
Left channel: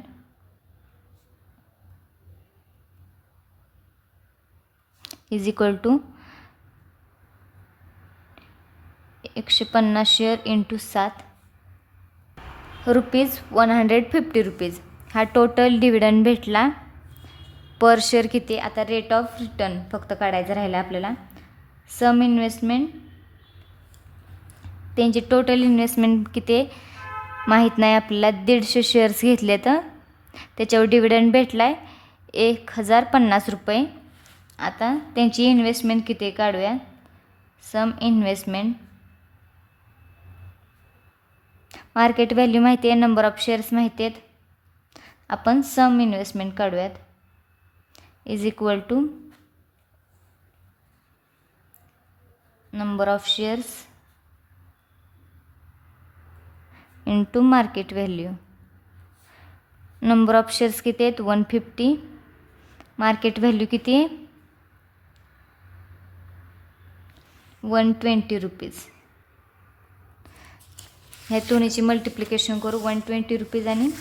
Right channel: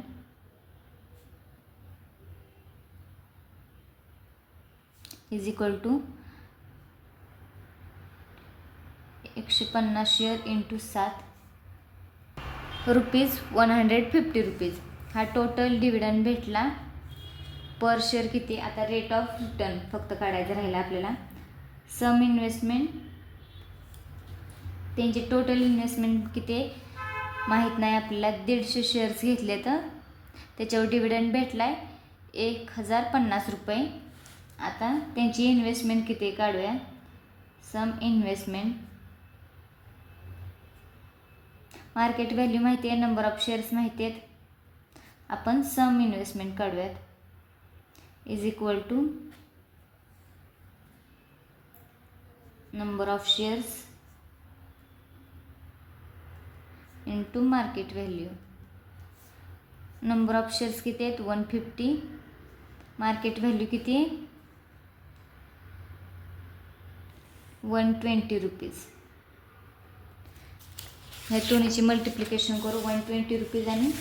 is equal to 150 share into 7 ₹150. हा टोटल डिव्हिडंड भेटला. पर शेअर किती, आता रेट ऑफ रिटर्न फक्त काढायचं राहिलं आपल्याला. सम इन्व्हेस्टमेंट, त्यांची टोटल इन्व्हेस्टमेंट किती माहीत नाही आपल्याला. 150 शेअर्स घेतले तर त्याच्यावर डिव्हिडंड भेटला आहे ₹1050. आता त्यांची इन्व्हेस्टमेंट किती काढूया. सम इन्व्हेस्टमेंट, मार्केट व्हॅल्यू माहिती आहे, नंबर ऑफ शेअर्स माहिती आहेत. आपण सम इन्व्हेस्टमेंट काढूयात. Is equal to number of shares into market value. Number of shares किती आहेत 150. मार्केट व्हॅल्यू किती आहे ₹120. ह्या दोन्हीची मल्टिप्लिकेशन करू. ₹120 आणि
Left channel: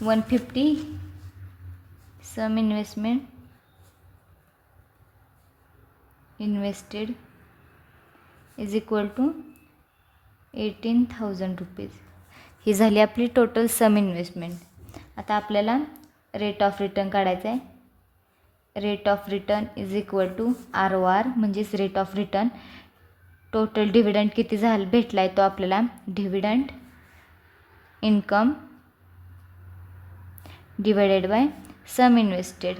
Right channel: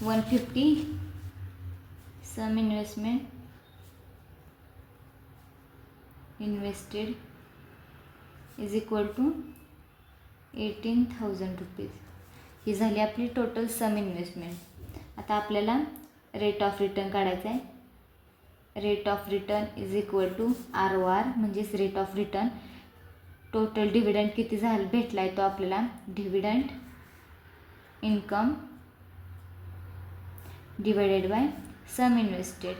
150. Sum investment invested is equal to ₹18,000. ही झाली आपली टोटल सम इन्व्हेस्टमेंट. आता आपल्याला रेट ऑफ रिटर्न काढायचं आहे. Rate of return is equal to ROR म्हणजेच rate of return. Total dividend किती झालं भेटला आहे तो आपल्याला. Dividend income divided by sum invested.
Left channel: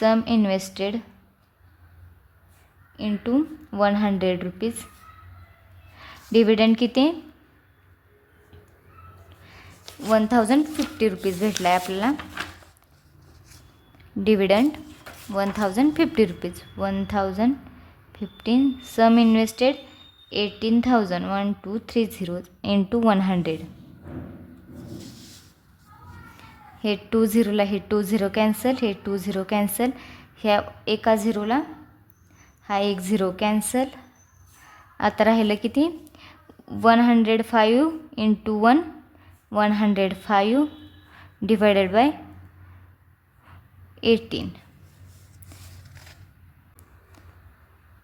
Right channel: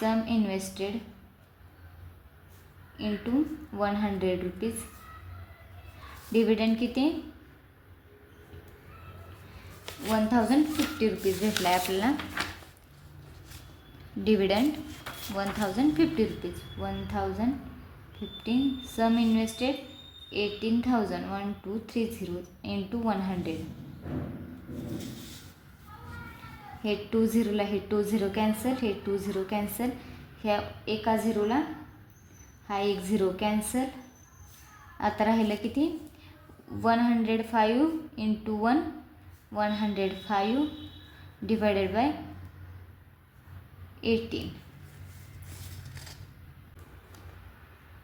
Sum invested into ₹100. Dividend किती ₹1050 भेटला आहे आपल्याला. डिव्हिडंड ₹1050. 1015. Sum invested 18,000 into 100. हे 20ला हे 20 कॅन्सल, हे 20 कॅन्सल, ह्या एका 0ला हा एक 0 कॅन्सल. आता राहिलं किती 105 into 105 divided by 18.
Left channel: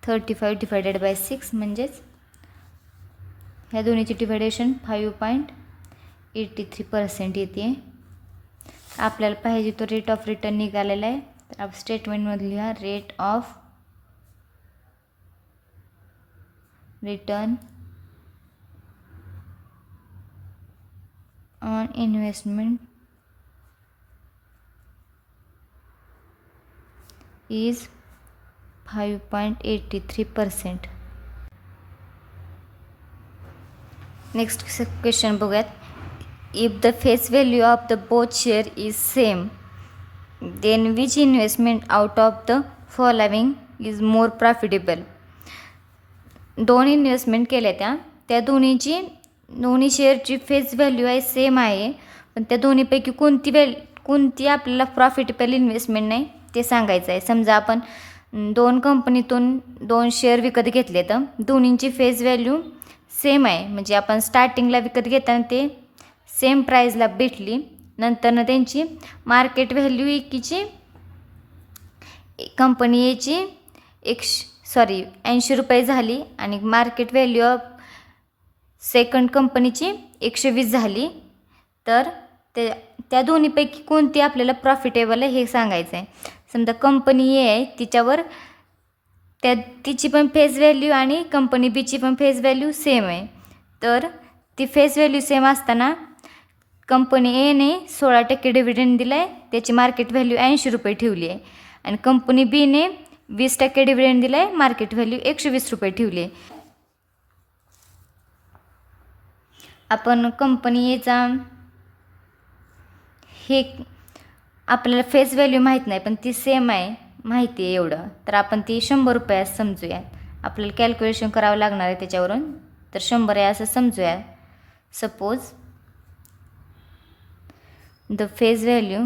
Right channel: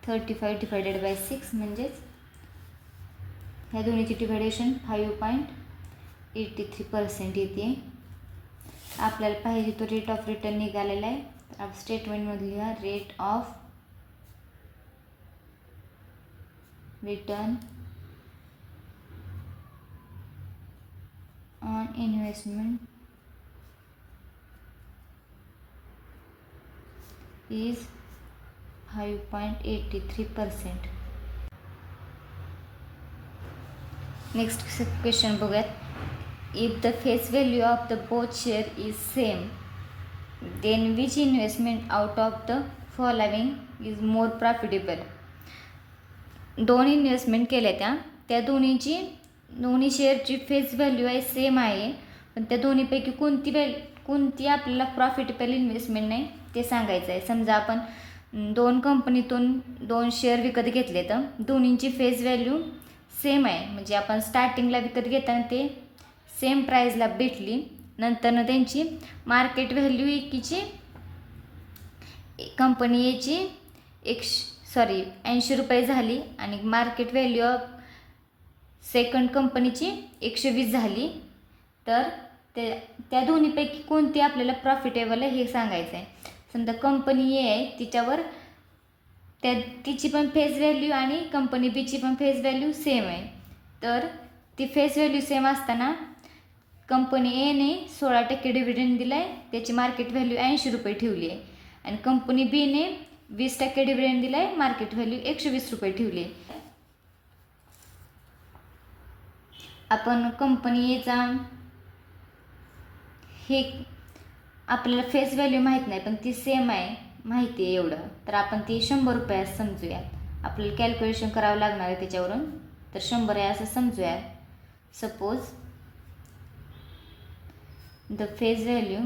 35 divided by 6 म्हणजेच ह्या दोन्हीची डिव्हायडेशन 5.83% येते. आपल्याला पाहिजे तो रेट ऑफ रिटर्न निघालेला आहे. तर आप स्टेटमेंटमध्ये लिहा rate of return on investment is 5.83%. Next question बघूयात. If the face value of the both share is same then which investment out of the following is more profitable. दोन investment केल्या त्या दोन्ही शेअरची फेस व्हॅल्यू आहे same आहे, पण त्या दोन्हीपैकी कोणती आपल्याला प्रॉफिटेबल इन्व्हेस्टमेंट नाही ते सांगायचं आहे. समजा आपण दोन कंपनीतून 2 शेअर विकत घेतले तर दोन्हींची फेस व्हॅल्यू सेम आहे, म्हणजे आपण स्टार्टिंगला विकत घेताना ते सेम प्राईजला भेटली. नंतरनं त्यांची मार्केट व्हॅल्यू एकीची कंपनी एची 80 रुपये झाली आणि मार्केट व्हॅल्यू ऑफ सेकंड कंपनीची 120 झाली. तर त्या दोन्हीपैकी कोणती आपल्याला प्रॉफिटेबल आहे हे सांगायचं आहे. समजा कंपनी ए आहे तिच्यावर तिची पण फेस व्हॅल्यू आणि कंपनी बीची पण फेस व्हॅल्यू सेम आहे. तर ती फेस व्हॅल्यू सेम असताना कंपनी एने 16% डिव्हिडंड दिला आहे, त्याची मार्केट व्हॅल्यू 80 रुपये ठेवली आहे. आणि कंपनी बीने 20% डिव्हिडंड दिला आहे, मार्केट व्हॅल्यू 120 रुपये ठेवली आहे. आपण कंपनी एचा हे आपल्याला फेस व्हॅल्यू माहीत नाही, पण ती सेम आहे माहिती आहे एवढं, तर आपण ती 100 रुपये समजूया. आपल्याला कॅल्क्युलेशन करावं लागणार आहे त्याच्यावरून, तर 100 आहे असं समजूया. Suppose the face value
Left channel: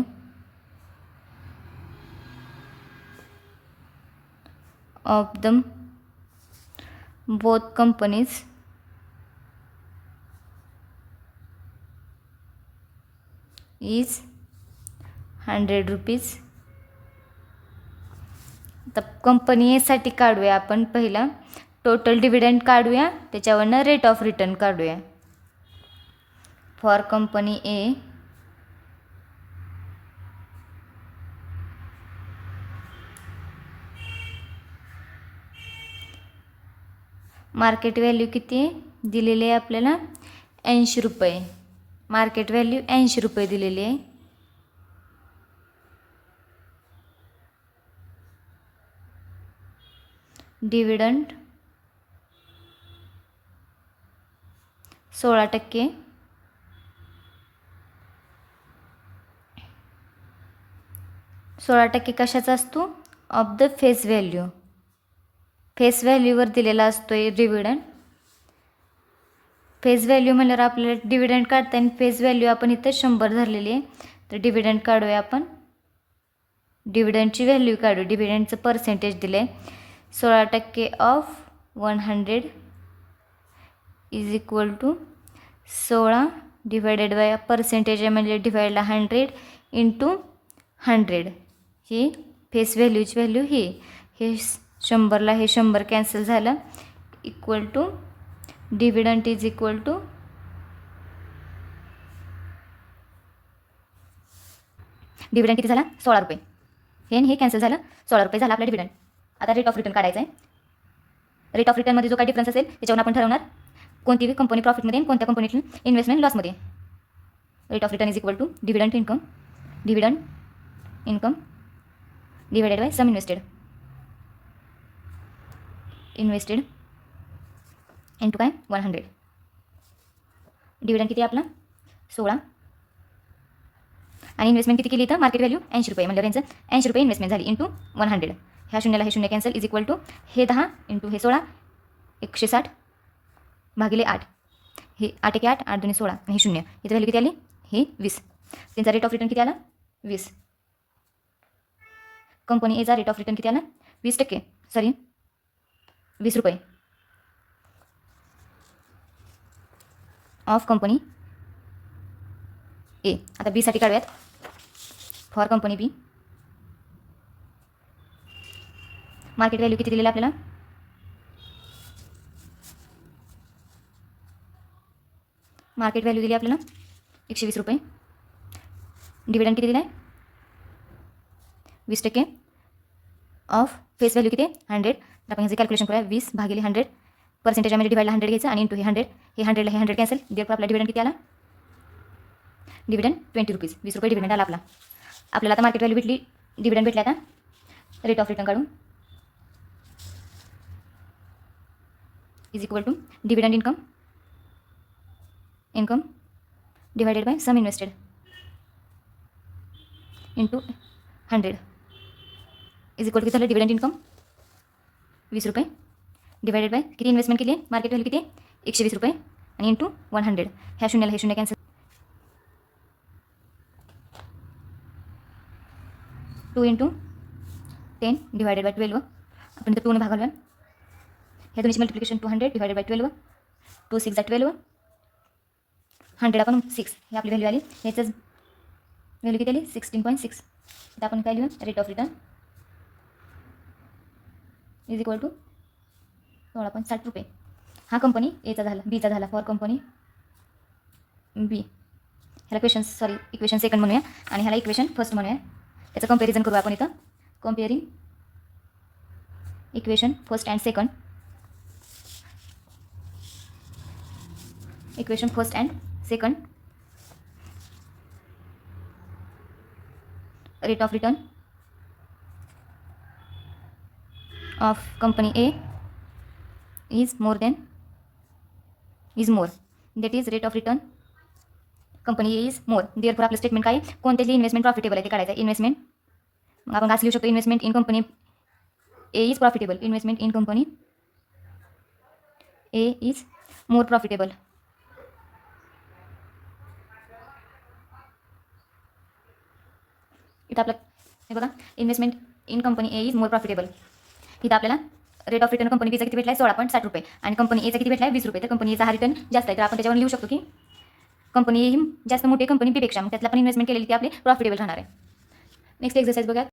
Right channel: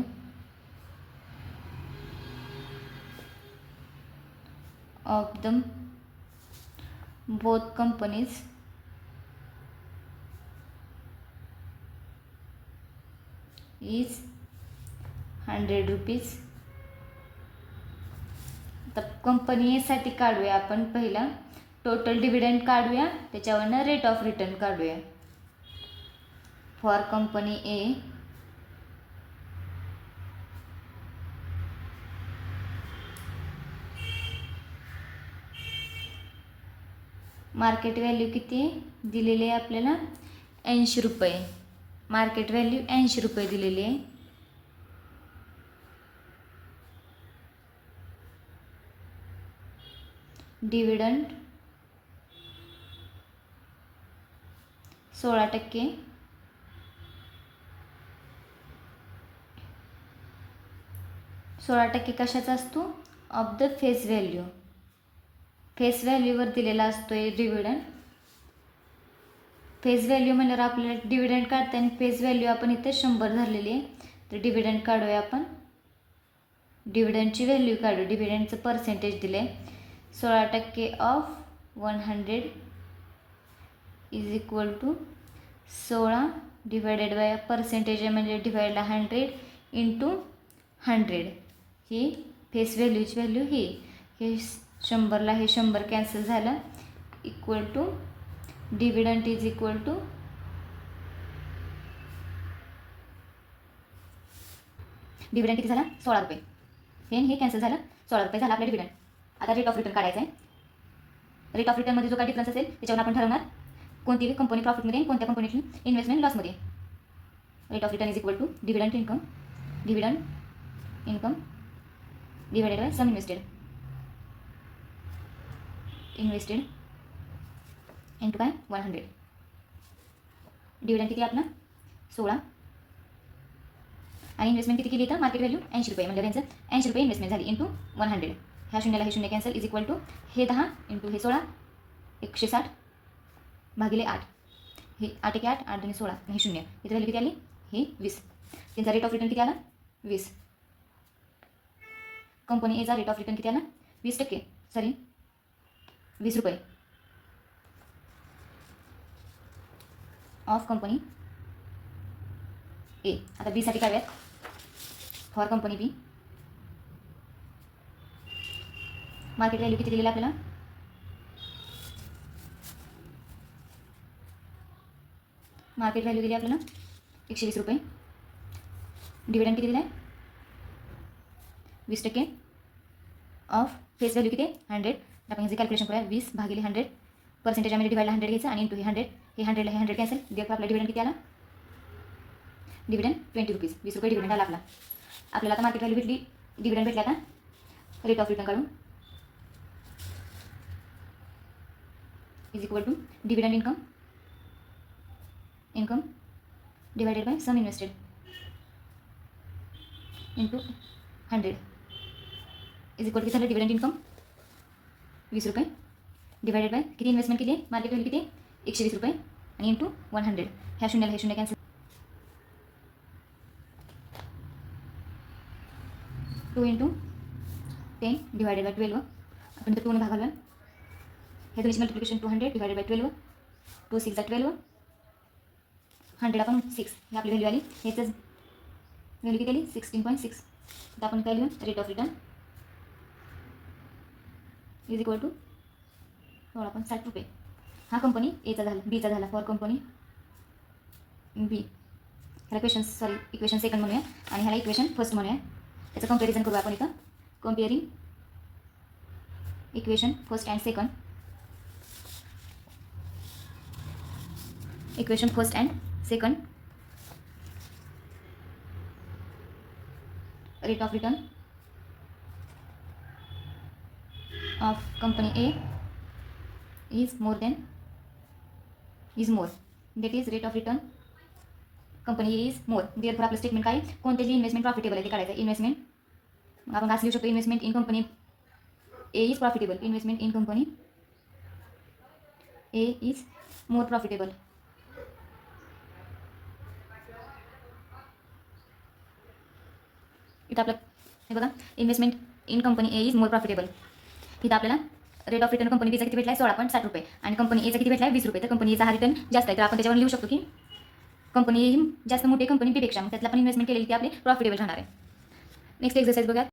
of the both companies is 100 rupees. तर कंपनी एसाठी काढूया आपण पहिला टोटल डिव्हिडंड काढूया, त्याच्यावरनं रेट ऑफ रिटर्न काढूया. For company A market value किती दिलेली आहे आपल्याला 80 रुपये. मार्केट व्हॅल्यू 80 रुपये दिलेली आहे. डिव्हिडंड 16%. कशाचा असतो? Of the face value. Face व्हॅल्यूवर दिलेला असतो डिव्हिडंड. फेस व्हॅल्यू म्हणल्यावर आपल्याला डिव्हिडंड काढताना फेस व्हॅल्यू आपण इथं 100 धरलेली आहे. तर डिव्हिडंड काढूया आपण. डिव्हिडंडची व्हॅल्यू काढू. डिव्हिडंडचं पर्सेंटेज दिलं आहे 16% of 100 is equal to 16 divided by percentage म्हणजे डिवाइडला 100 इंटू 100. ही फेस व्हॅल्यूची व्हॅल्यू ही हे 100ला हे 100 कॅन्सल झालं equal to dividend is equal to dividend किती झाला 16 रुपये. हे कॅन्सल झालं 16 रुपये झाला आपला डिव्हिडंड. आता रेट ऑफ रिटर्न काढायचा आहे. रेट ऑफ रिटर्नमध्ये जो काही डिफरन्स असेल त्याच्यावर आपण ठरवणार कोणती कंपनी प्रॉफिटमध्ये आणि कोणत्या कंपनीची इन्व्हेस्टमेंट लॉसमध्ये. Rate of return is equal to dividend income divided by sum invested into काय 100. डिव्हिडंड किती आपला 16 आणि इन्व्हेस्टमेंट किती केली तर मार्केट व्हॅल्यू 80 रुपये म्हणजे यांचं 80 रुपये इन्व्हेस्टमेंट झाली इंटू 100. ह्या शून्याला हे शून्य कॅन्सल इज इक्वल टू हे 10 इंटू हे 16 160 भागिले 8. हे 8 1 8 8 2 16 आणि हे शून्य. इथं व्हॅल्यू किती आली हे 20. त्यांचा रेट ऑफ रिटर्न किती आला 20. कंपनी एचा रेट ऑफ रिटर्न किती आला 20%. सॉरी 20 रुपये ऑफ कंपनी ए. आता बी साठी काढूयात. For company B market value किती दिलेला आपल्याला मार्केट व्हॅल्यू दिली आपल्याला 120 रुपये. डिव्हिडंड किती दिला आहे 20% ऑफ फेस व्हॅल्यू किती 100. आपण ह्याचे कॅल्क्युलेशन करूया 20 भागिले 100 पर्सेंटेजमध्ये डिवाइडला 100 घ्यायचं आणि इंटू हे 100 हे 100ला हे 100 कॅन्सल. देअरफॉर आपला डिव्हिडंड किती आला डिव्हिडंड 20 रुपीज 20 रुपये डिव्हिडंड आला आपला. आपल्याला आता मार्केट व्हॅल्यू भेटली डिव्हिडंड भेटला. आता रेट ऑफ रिटर्न काढू is equal to dividend income divided by sum invested into 100 is equal to किती झालं डिव्हिडंड इन्कम 20 रुपये डिवायडेड बाय किती इन्व्हेस्टमेंट केली मार्केट व्हॅल्यू किती 120 रुपये आणि इंटू 100. ह्या शून्याला हे शून्य कॅन्सल 2 इंटू 10 डिवायडेड बाय 12. आपण इथं 2 ने भागायला ह्या दोन्हीची मल्टिप्लिकेशन 200 डिवायडेड बाय 12 2 6 12 100 आपण 6 ही आपली व्हॅल्यू आली. ह्याचंच व्हॅल्यू किती आली 16.6. आता आपण काय लिहू rate of return is equal to 16.60 रुपये. हा कंपनी एचा झाला. बीचा झाला. फॉर कंपनी बी ह्याला इक्वेशन सेकंड म्हणूया आणि ह्याला इक्वेशन फर्स्ट म्हणूया. याचं कंपॅरिझन करू आपण इथं. Comparing equation first and second. Equation first and second. Rate of return of company A is more that is rate of return company A is more. therefore आपलं statement काय कोणत्याची investment profitable आहे ते काढायचं. Investment मग आपण असं लिहू शकतो investment in company A is profitable. Investment in company A is more profitable. इथं आपलं हे बघा investment in company A is more profitable. इथं आपल्याला रेट ऑफ रिटर्न कंपनी बीचा किती भेटला आहे 16.60 रुपये आणि कंपनी एचा किती भेटला आहे 20 रुपये. तर कंपनी एचा हा रिटर्न जास्त आहे तर आपण त्याच्यावर लिहू शकतो की कंपनी जास्त मोठी कंपनी बीपेक्षा त्यातला पण इन्व्हेस्टमेंट केलेली ती आपली प्रॉफिटेबल राहणार आहे. नेक्स्ट एक्सरसाइज बघा.